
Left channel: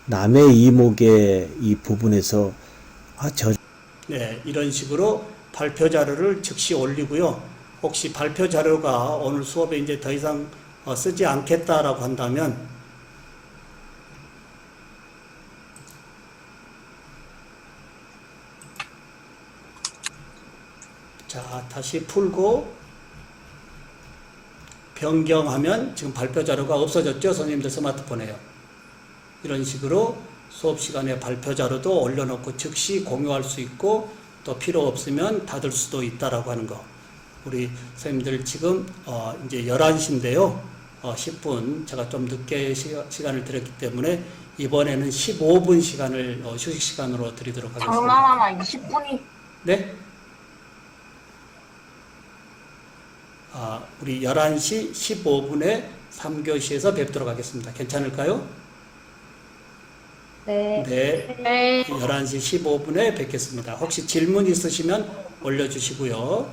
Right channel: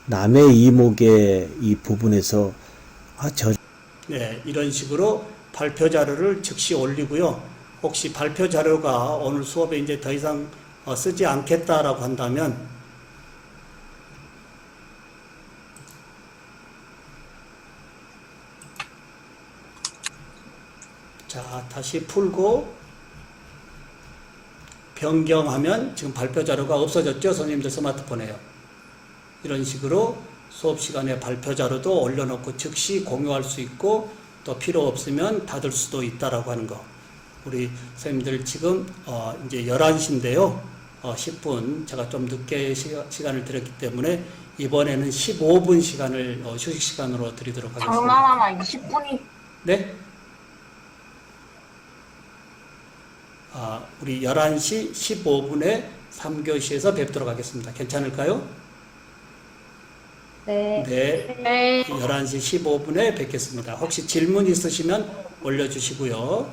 남의 이목의 이 부분에서 네, 이런 식으로 발표 자료를 즉시 올리고요. 혹시 발표 자료가 오늘 수업에 이제 더 이상 쓰지 않겠다라고 한다면 자, 다시 풀고 변경하면 지금 발표 자료가 없어졌죠? 선생님들 스마트폰에요. 이런 식으로 수업 시간에 발표 자료도 올려놓고 즉시 공유할 수 있고 또 필요 없으면 닫을 수도 있다라고 하는 거. 우리 선생님들 지금 이제 11시인데요. 10분 제가 좀 늦게 시간을 드렸기 때문에 이번에는 15분 시간을 휴식 시간으로 드리도록 하겠습니다. 장난하나 20분이 네? 우리 11시 15분에 3교시에서 뵙도록 하겠습니다. 괜찮을까요? 네. 네. 11시 15분에 뵙겠습니다. 혹시 질문 있으시면 올려주시고요.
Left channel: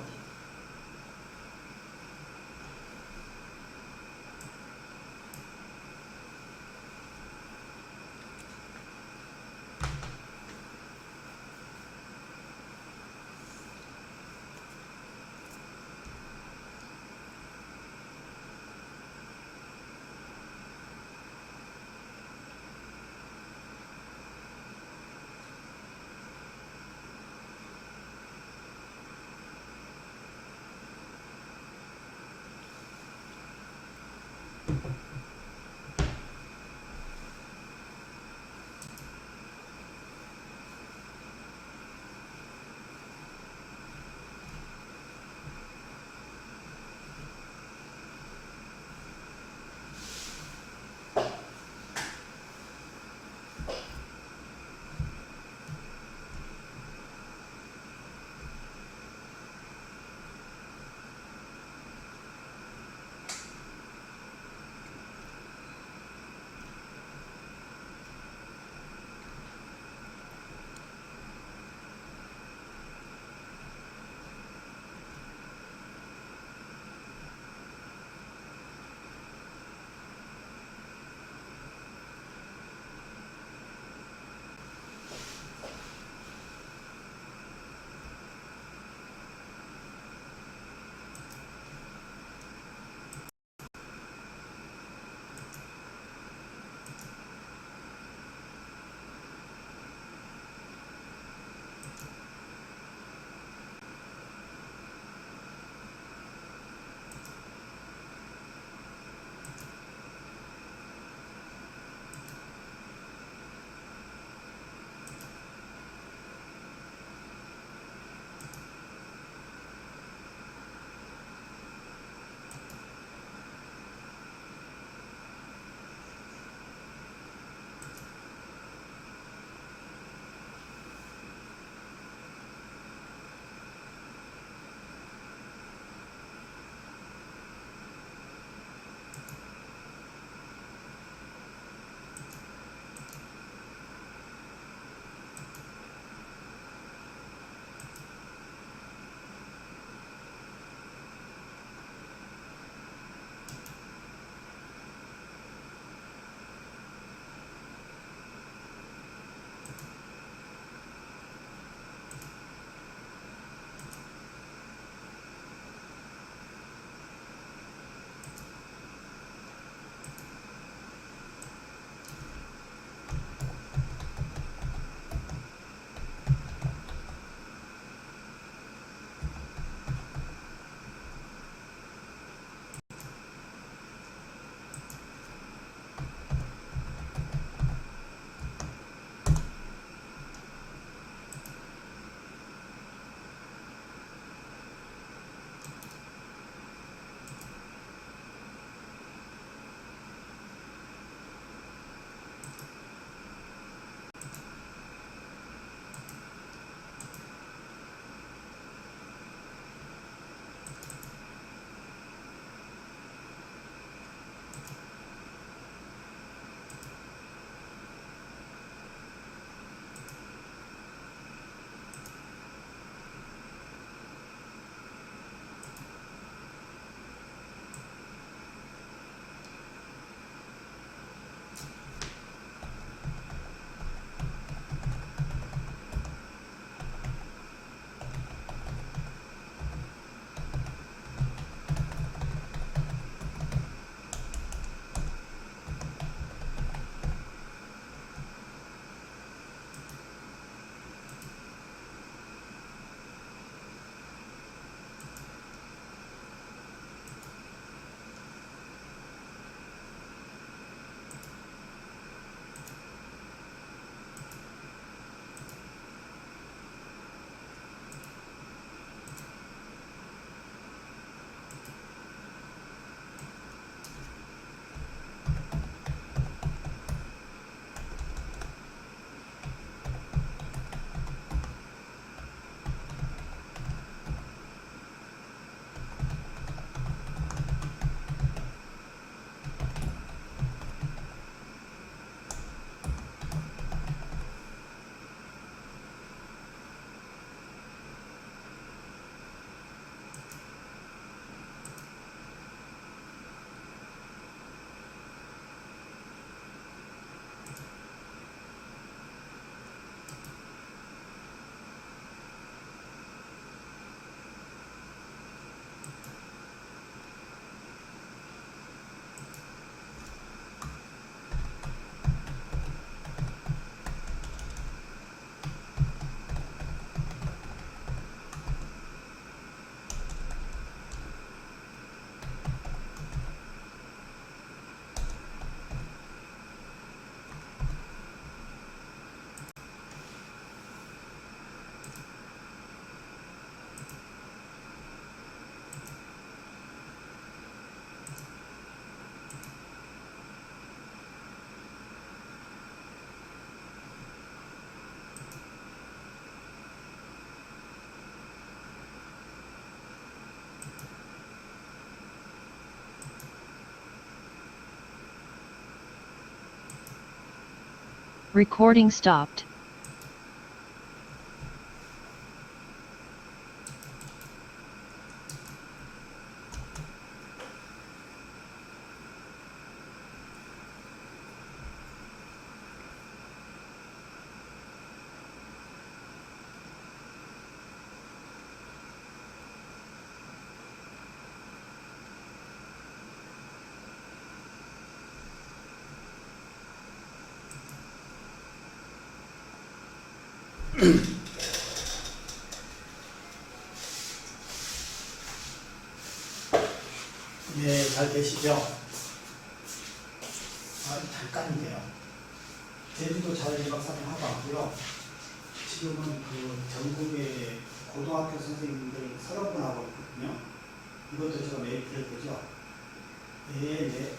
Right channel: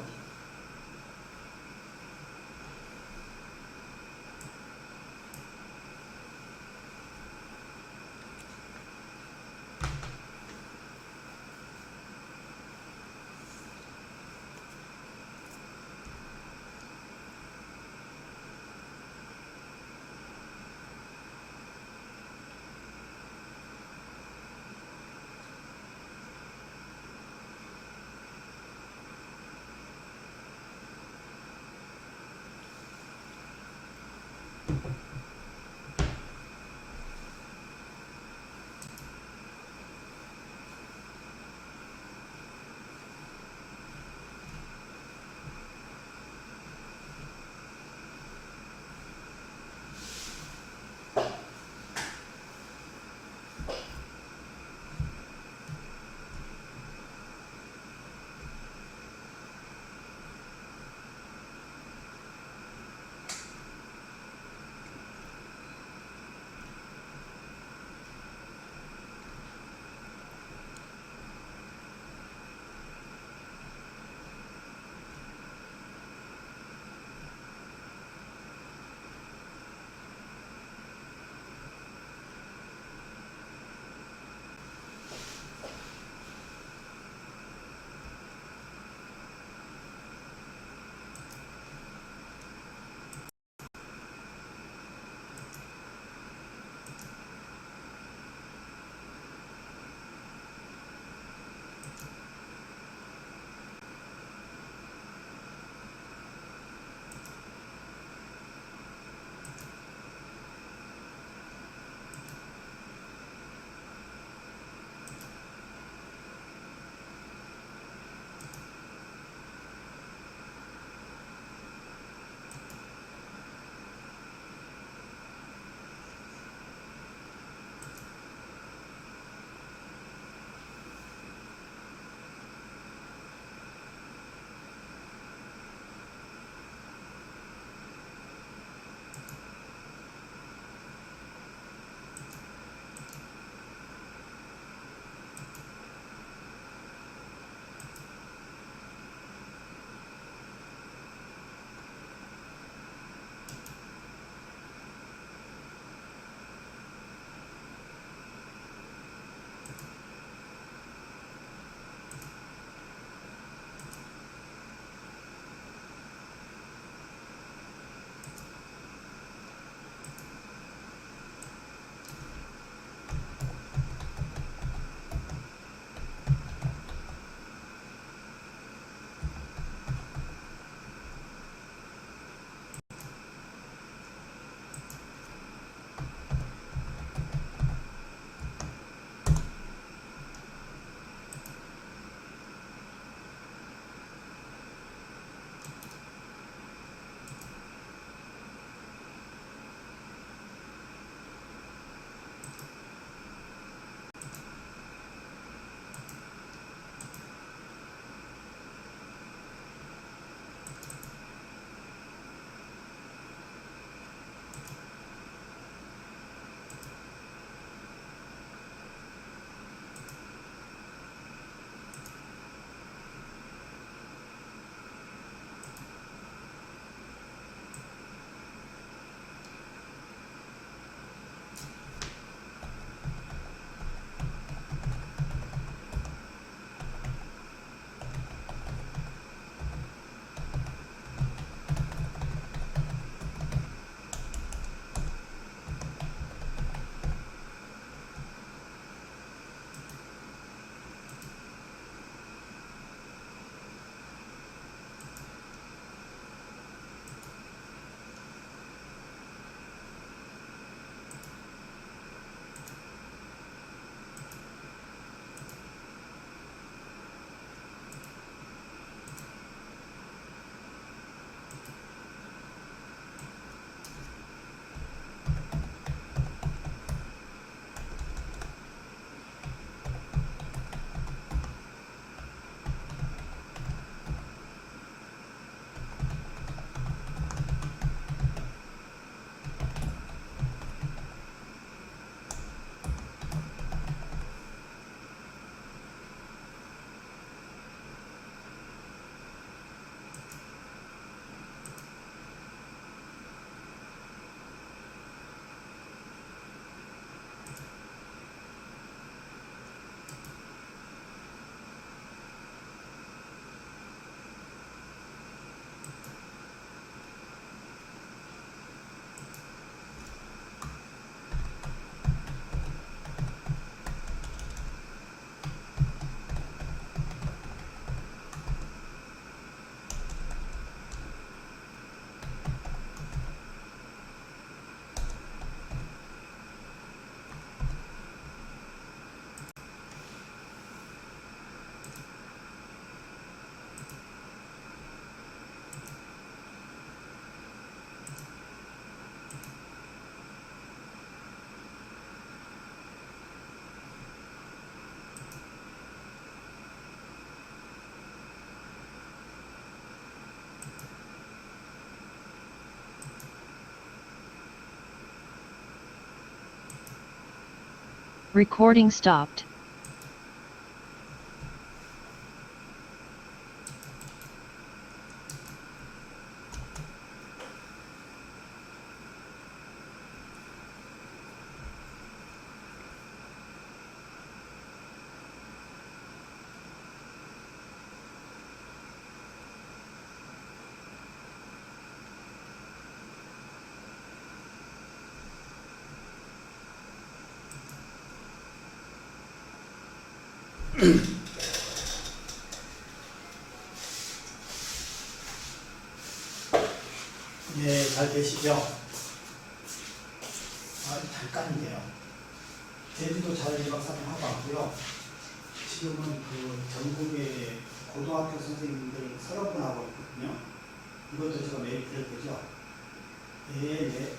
Recording stopped. 네, 잘 되시죠? 잠깐이네요. 제주도 자율 박사님 하고 왔고요. 지금은 그 전국의 고등학교 선생님들 30분하고 있거든요. 이것도 제가 매일 드려도 되죠? 네. 네.